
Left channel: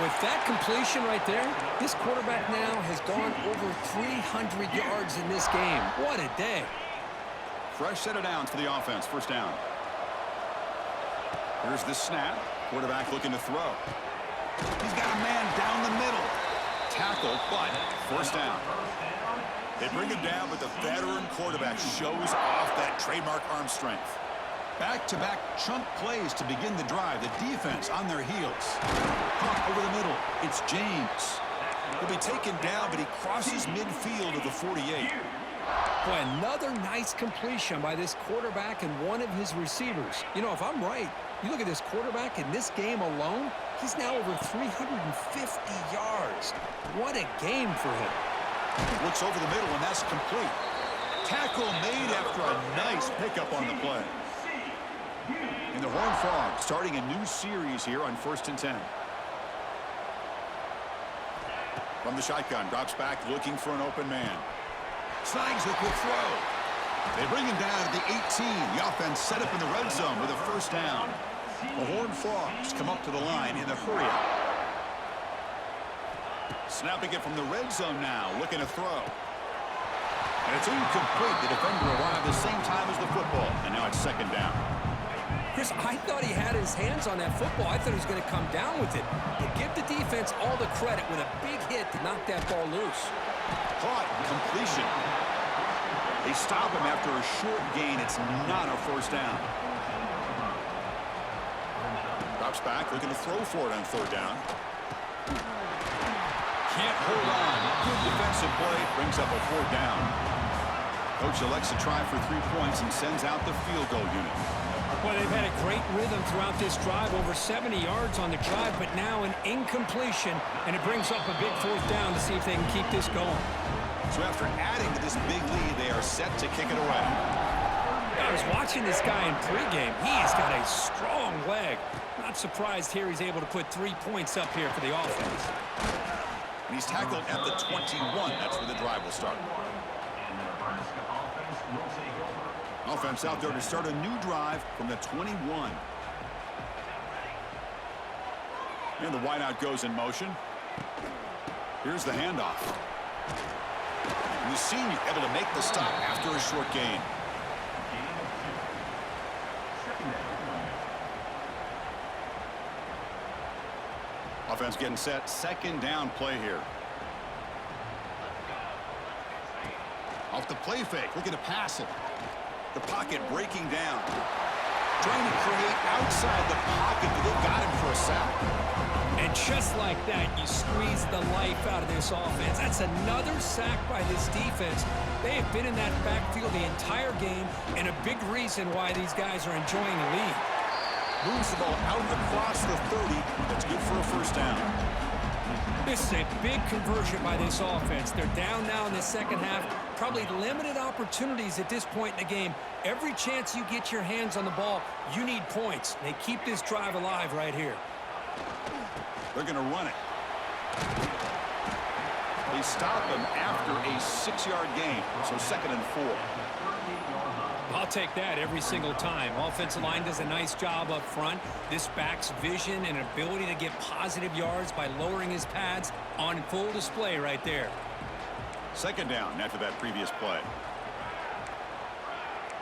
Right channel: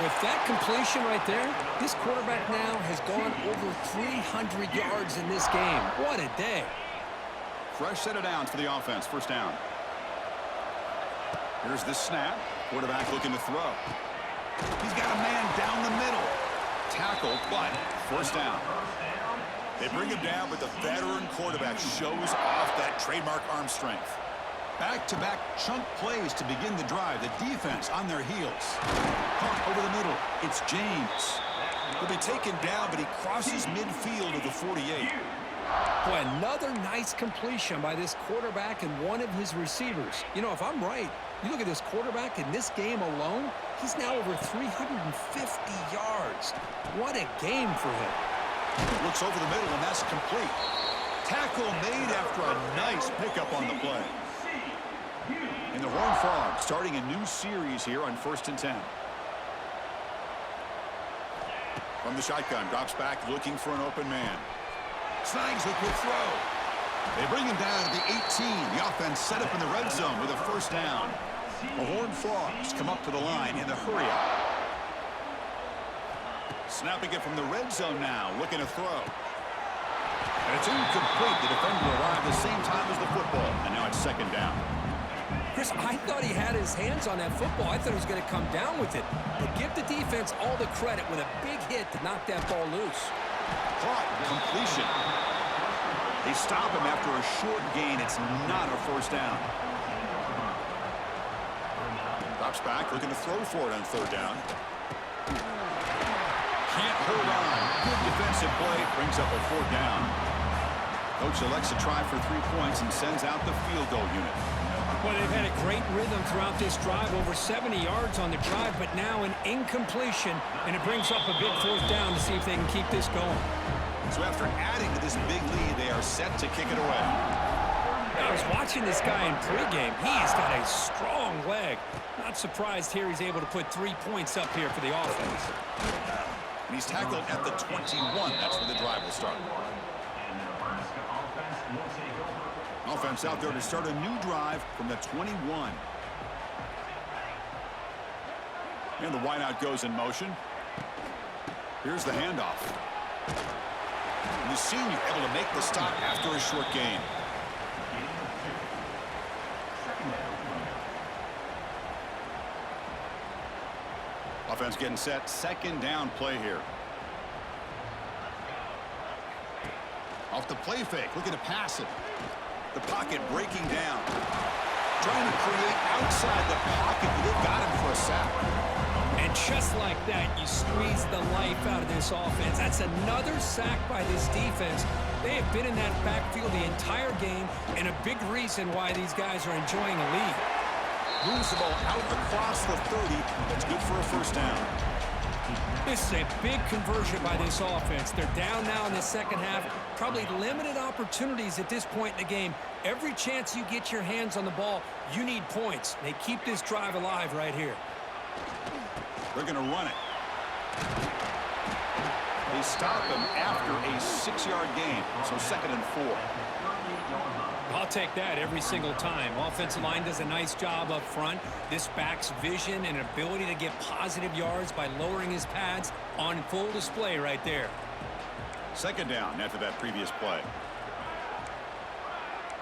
With that completion right there, this quarterback now has gone over 300 yards in this game. What a day. Fresh set of downs for the offense. First down. Here's the snap. Quarterback looking to throw. He's got a man down the middle. Tackle, but first down. They bring him down, but the veteran quarterback shows off that trademark arm strength. Back-to-back chunk plays to begin the drive. The defense on their heels. Caught over the middle. It's James. He'll be taken down, but he crosses midfield of the 48. Boy, another nice completion by this quarterback and one of his receivers. You know, if I'm right, you look at this quarterback in this game alone, he's now over 350 yards. What a game for him. Looks over the middle, and that's complete. Tackle made after a nice pickup on the play. And the Horned Frogs starting a new series here on 1st and 10. From the shotgun, drops back looking for an open man. Snags a quick throw. They bring him down to the 18. The offense set up in the red zone with a first down. The Horned Frogs come up to the line in the hurry-up. Snapping it from the red zone now, looking to throw. And it's incomplete. The defender arrived the same time as the football, and now it's second down. Chris, I thought he had his hands on that football. I thought he was going to come down with it. But give the defense all the credit with a big hit to knock that ball loose. Caught, completion. They stop him after a short gain. It's not a first down. Drops back, looking to throw for it on third down. Can't hold on. Good defensive play, brings up a fourth down. Coach elects to try for 3 points and sends out the field goal unit. Well, they've had a great rhythm throughout this drive, over 70 yards on the drive, but now an incompletion, and it brings up a big fourth down to see if they can keep this going. So after adding to this big lead, they are set to kick it away. I was watching this guy in pregame. He's got a strong leg. Not surprised here he's able to put 3 points up here for the offense. And he's tackled at the 21. That's where the drive will start. Offense out there to start a new drive from the 21. And the wideout goes in motion. Here's the handoff. And the senior able to make the stop after a short gain. Offense getting set. Second down play here. Off the play fake. Looking to pass it. The pocket breaking down. Trying to create outside the pocket, but they've got him for a sack. And just like that, you squeeze the life out of this offense. That's another sack by this defense. They have been in that backfield the entire game, and a big reason why these guys are enjoying a lead. Moves the ball out across the 30. That's good for a first down. This is a big conversion by this offense. They're down now in the second half. Probably limited opportunities at this point in the game. Every chance you get your hands on the ball, you need points. They keep this drive alive right here. They're going to run it. They stop him after a 6-yard gain, so 2nd and 4. I'll take that every single time. Offensive line does a nice job up front. This back's vision and ability to get positive yards by lowering his pads on full display right there. Second down after that previous play.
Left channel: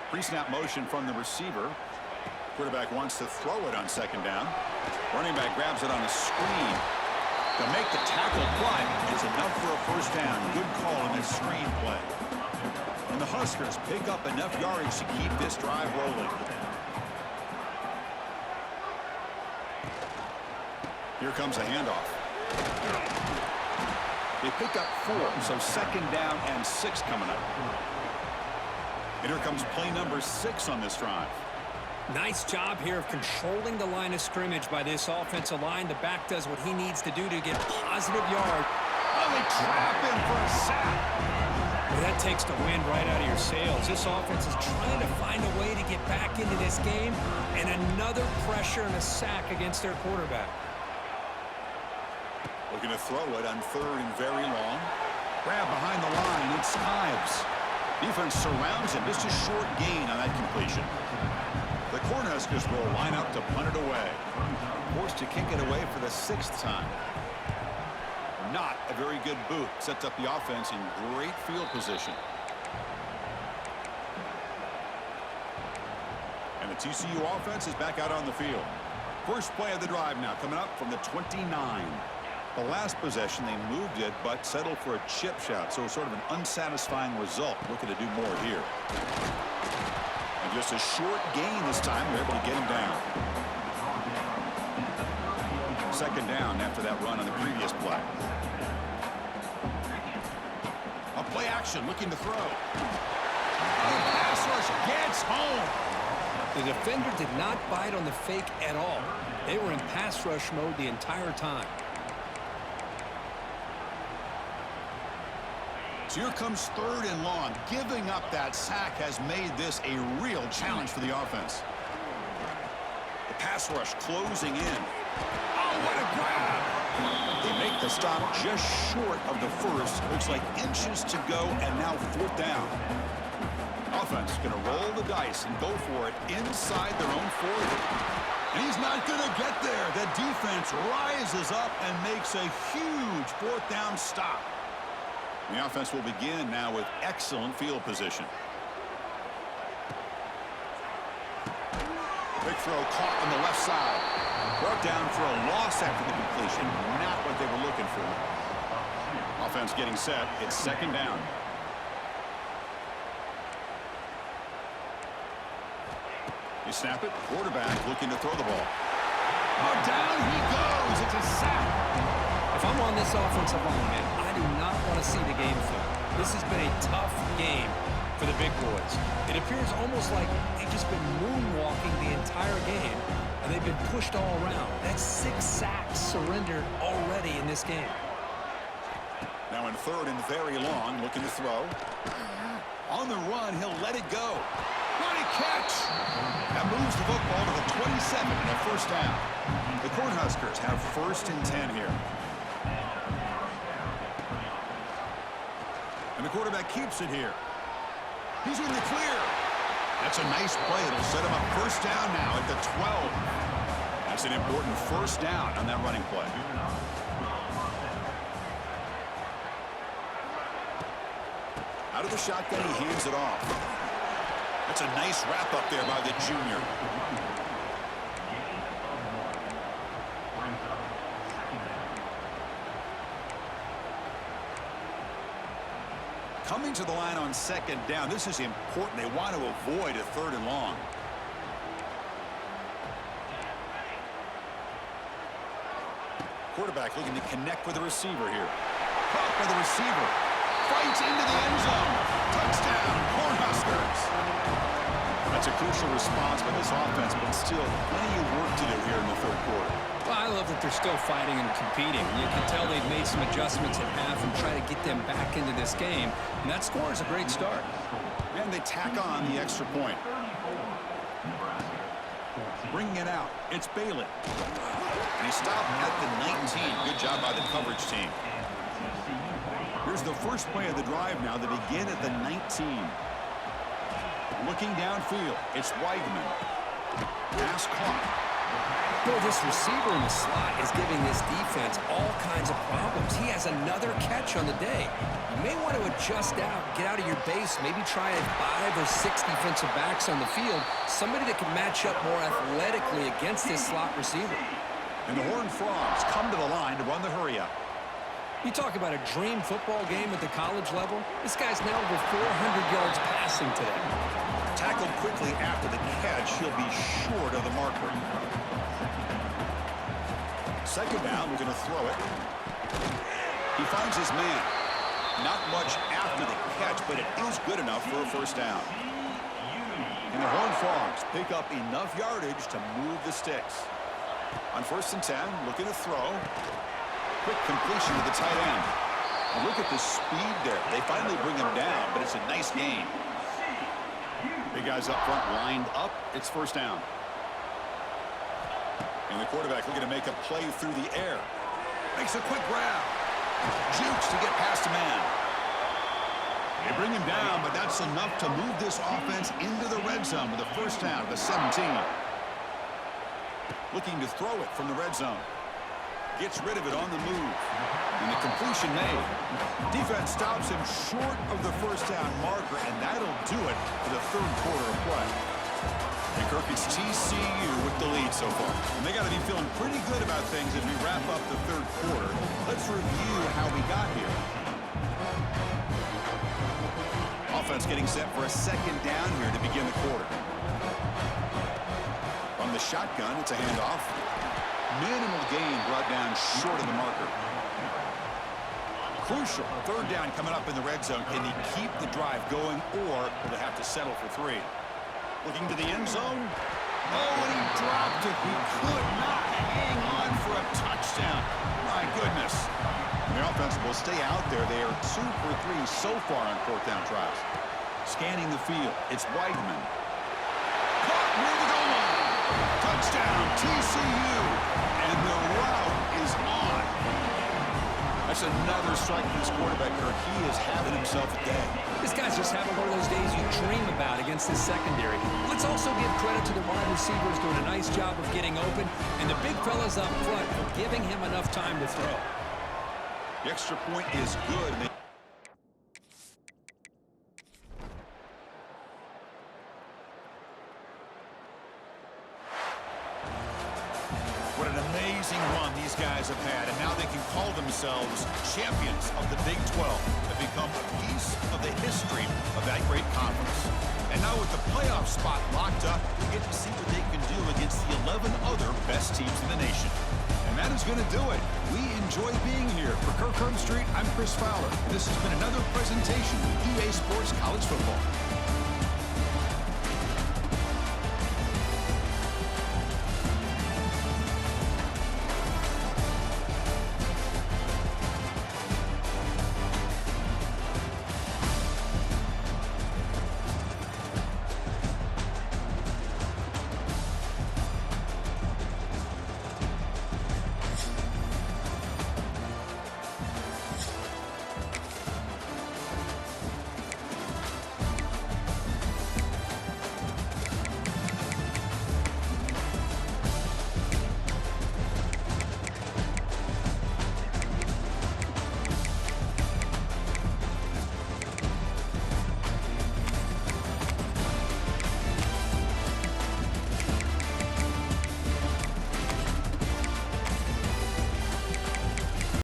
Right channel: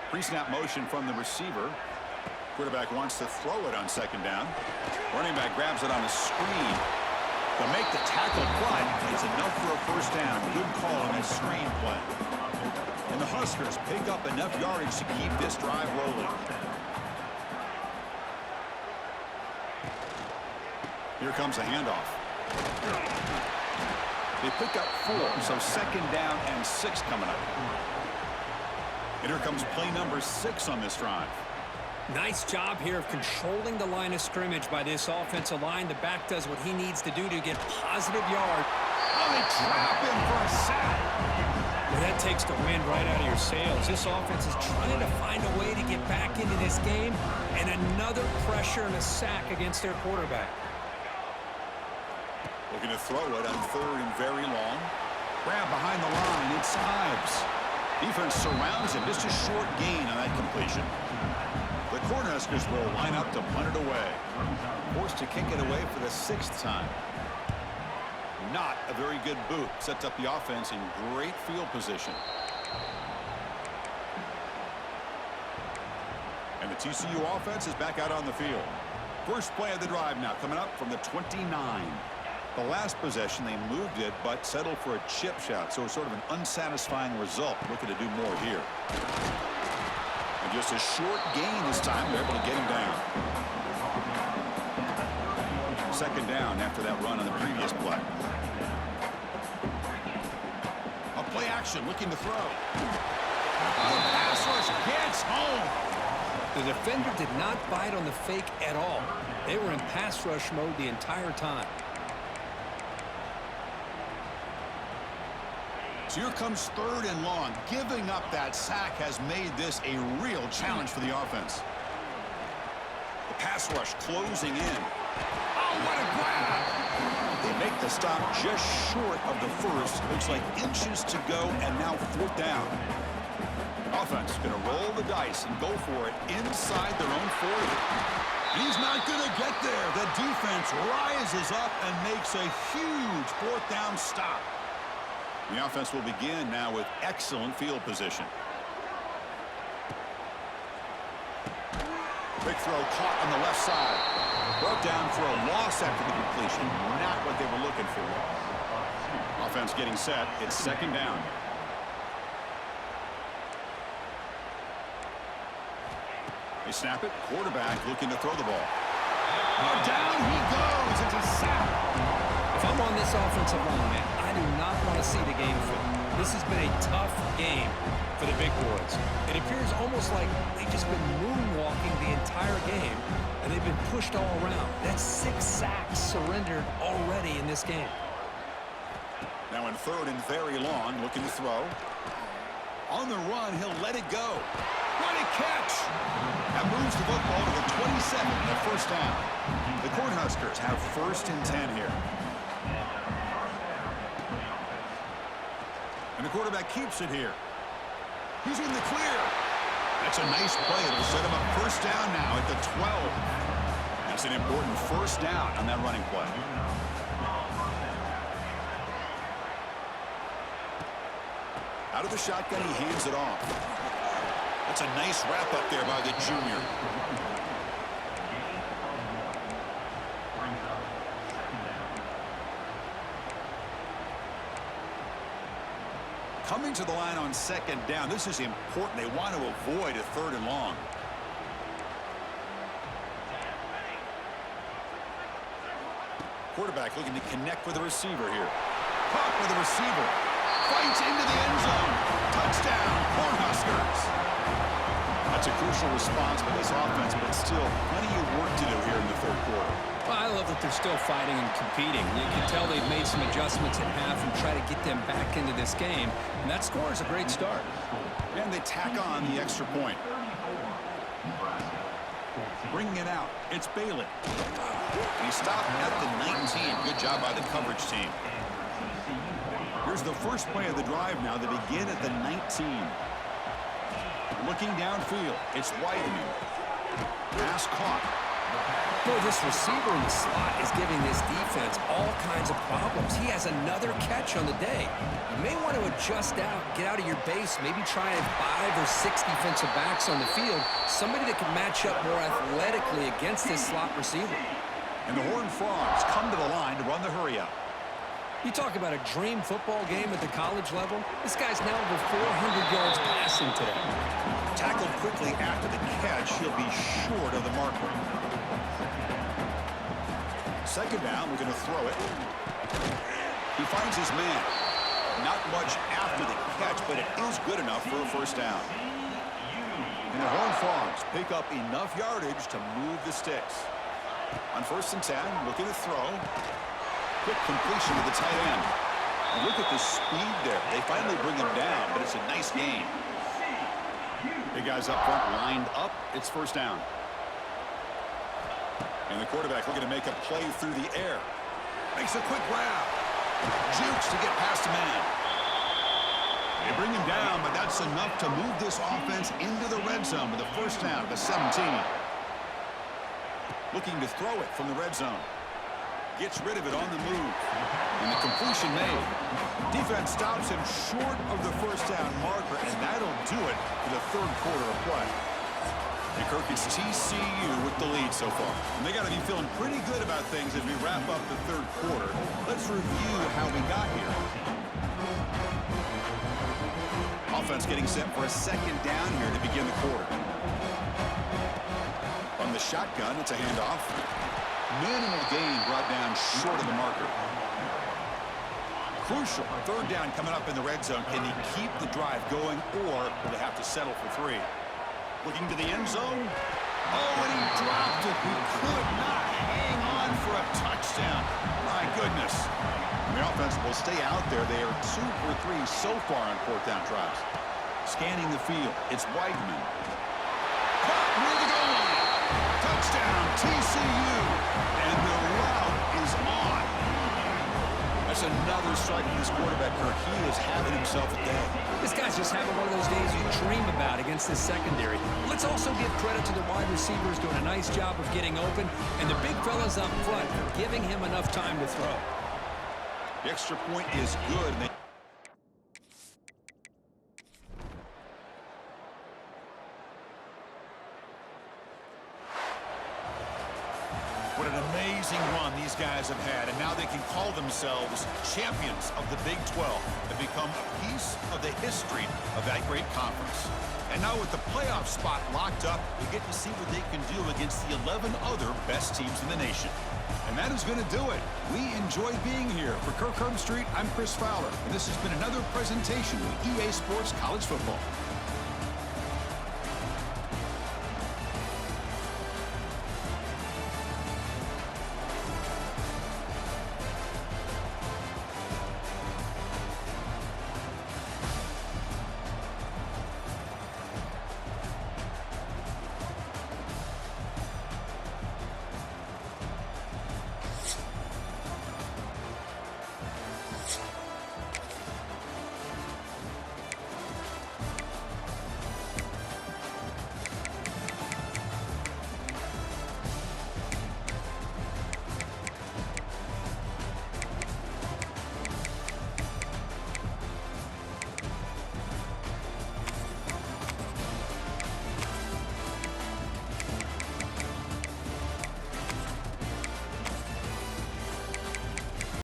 Pre-snap motion from the receiver. Quarterback wants to throw it on second down. Running back grabs it on a screen. They'll make the tackle, but it's enough for a first down. Good call on that screen play. And the Huskers pick up enough yardage to keep this drive rolling. Here comes a handoff. They pick up 4, so 2nd down and 6 coming up. And here comes play number 6 on this drive. Nice job here of controlling the line of scrimmage by this offensive line. The back does what he needs to do to get positive yards. Oh, they trap him for a sack. Well, that takes the wind right out of your sails. This offense is trying to find a way to get back into this game, and another pressure and a sack against their quarterback. Looking to throw it on 3rd and very long. Grab behind the line. It's Ives. Defense surrounds him. Just a short gain on that completion. The Cornhuskers will line up to punt it away. Forced to kick it away for the 6th time. Not a very good boot. Sets up the offense in great field position. And the TCU offense is back out on the field. First play of the drive now coming up from the 29. The last possession, they moved it, but settled for a chip shot, so sort of an unsatisfying result. Looking to do more here. And just a short gain this time. They're able to get him down. Second down after that run on the previous play. A play action, looking to throw. Oh, pass rush gets home. The defender did not bite on the fake at all. They were in pass rush mode the entire time. So here comes third and long. Giving up that sack has made this a real challenge for the offense. The pass rush closing in. Oh, what a grab! They make the stop just short of the first. Looks like inches to go, and now fourth down. Offense going to roll the dice and go for it inside their own 40. And he's not going to get there. The defense rises up and makes a huge fourth down stop. The offense will begin now with excellent field position. Big throw caught on the left side. Brought down for a loss after the completion. Not what they were looking for. Offense getting set. It's second down. They snap it. Quarterback looking to throw the ball. Oh, down he goes. It's a sack. If I'm on this offensive line, man, I do not want to see the game flip. This has been a tough game for the big boys. It appears almost like they've just been moonwalking the entire game, and they've been pushed all around. That's 6 sacks surrendered already in this game. Now in third and very long, looking to throw. On the run, he'll let it go. What a catch! That moves the football to the 27 and a first down. The Cornhuskers have first and 10 here. And the quarterback keeps it here. He's in the clear. That's a nice play. It'll set him up first down now at the 12. That's an important first down on that running play. Out of the shotgun, he hands it off. That's a nice wrap up there by the junior. Coming to the line on second down. This is important. They want to avoid a third and long. Quarterback looking to connect with the receiver here. Caught by the receiver. Fights into the end zone. Touchdown, Cornhuskers. That's a crucial response by this offense, but still plenty of work to do here in the third quarter. Well, I love that they're still fighting and competing. You can tell they've made some adjustments at half and try to get them back into this game. And that score is a great start. And they tack on the extra point. Bringing it out. It's Bailey. And he stopped at the 19. Good job by the coverage team. Here's the first play of the drive now. They begin at the 19. Looking downfield. It's Weidman. Pass caught. Boy, this receiver in the slot is giving this defense all kinds of problems. He has another catch on the day. You may want to adjust out, get out of your base, maybe try 5 or 6 defensive backs on the field, somebody that can match up more athletically against this slot receiver. And the Horned Frogs come to the line to run the hurry-up. You talk about a dream football game at the college level. This guy's now over 400 yards passing today. Tackled quickly after the catch. He'll be short of the marker. Second down, we're going to throw it. He finds his man. Not much after the catch, but it is good enough for a first down. And the Horned Frogs pick up enough yardage to move the sticks. On first and 10, looking to throw. Quick completion to the tight end. And look at the speed there. They finally bring him down, but it's a nice gain. Big guys up front lined up. It's first down. And the quarterback looking to make a play through the air. Makes a quick grab. Jukes to get past a man. They bring him down, but that's enough to move this offense into the red zone with a first down at the 17. Looking to throw it from the red zone. Gets rid of it on the move. And the completion made. Defense stops him short of the first down marker, and that'll do it for the third quarter of play. And Kirk, it's TCU with the lead so far. And they got to be feeling pretty good about things as we wrap up the third quarter. Let's review how we got here. Offense getting set for a second down here to begin the quarter. From the shotgun, it's a handoff. Minimal gain brought down short of the marker. Crucial third down coming up in the red zone. Can he keep the drive going, or will they have to settle for 3? Looking to the end zone. Oh, and he dropped it. He could not hang on for a touchdown. My goodness. And the offense will stay out there. They are 2 for 3 so far on fourth down tries. Scanning the field, it's Weidman. Caught near the goal line. Touchdown, TCU. And the route is on. That's another strike from this quarterback, Kirk. He is having himself a day. This guy's just having one of those days you dream about against this secondary. Let's also give credit to the wide receivers doing a nice job of getting open, and the big fellas up front for giving him enough time to throw. The extra point is good. What an amazing run these guys have had, and now they can call themselves champions of the Big 12 and become a piece of the history of that great conference. And now with the playoff spot locked up, we get to see what they can do against the 11 other best teams in the nation. And that is going to do it. We enjoy being here. For Kirk Street, I'm Chris Fowler, and this has been another presentation with EA Sports College Football.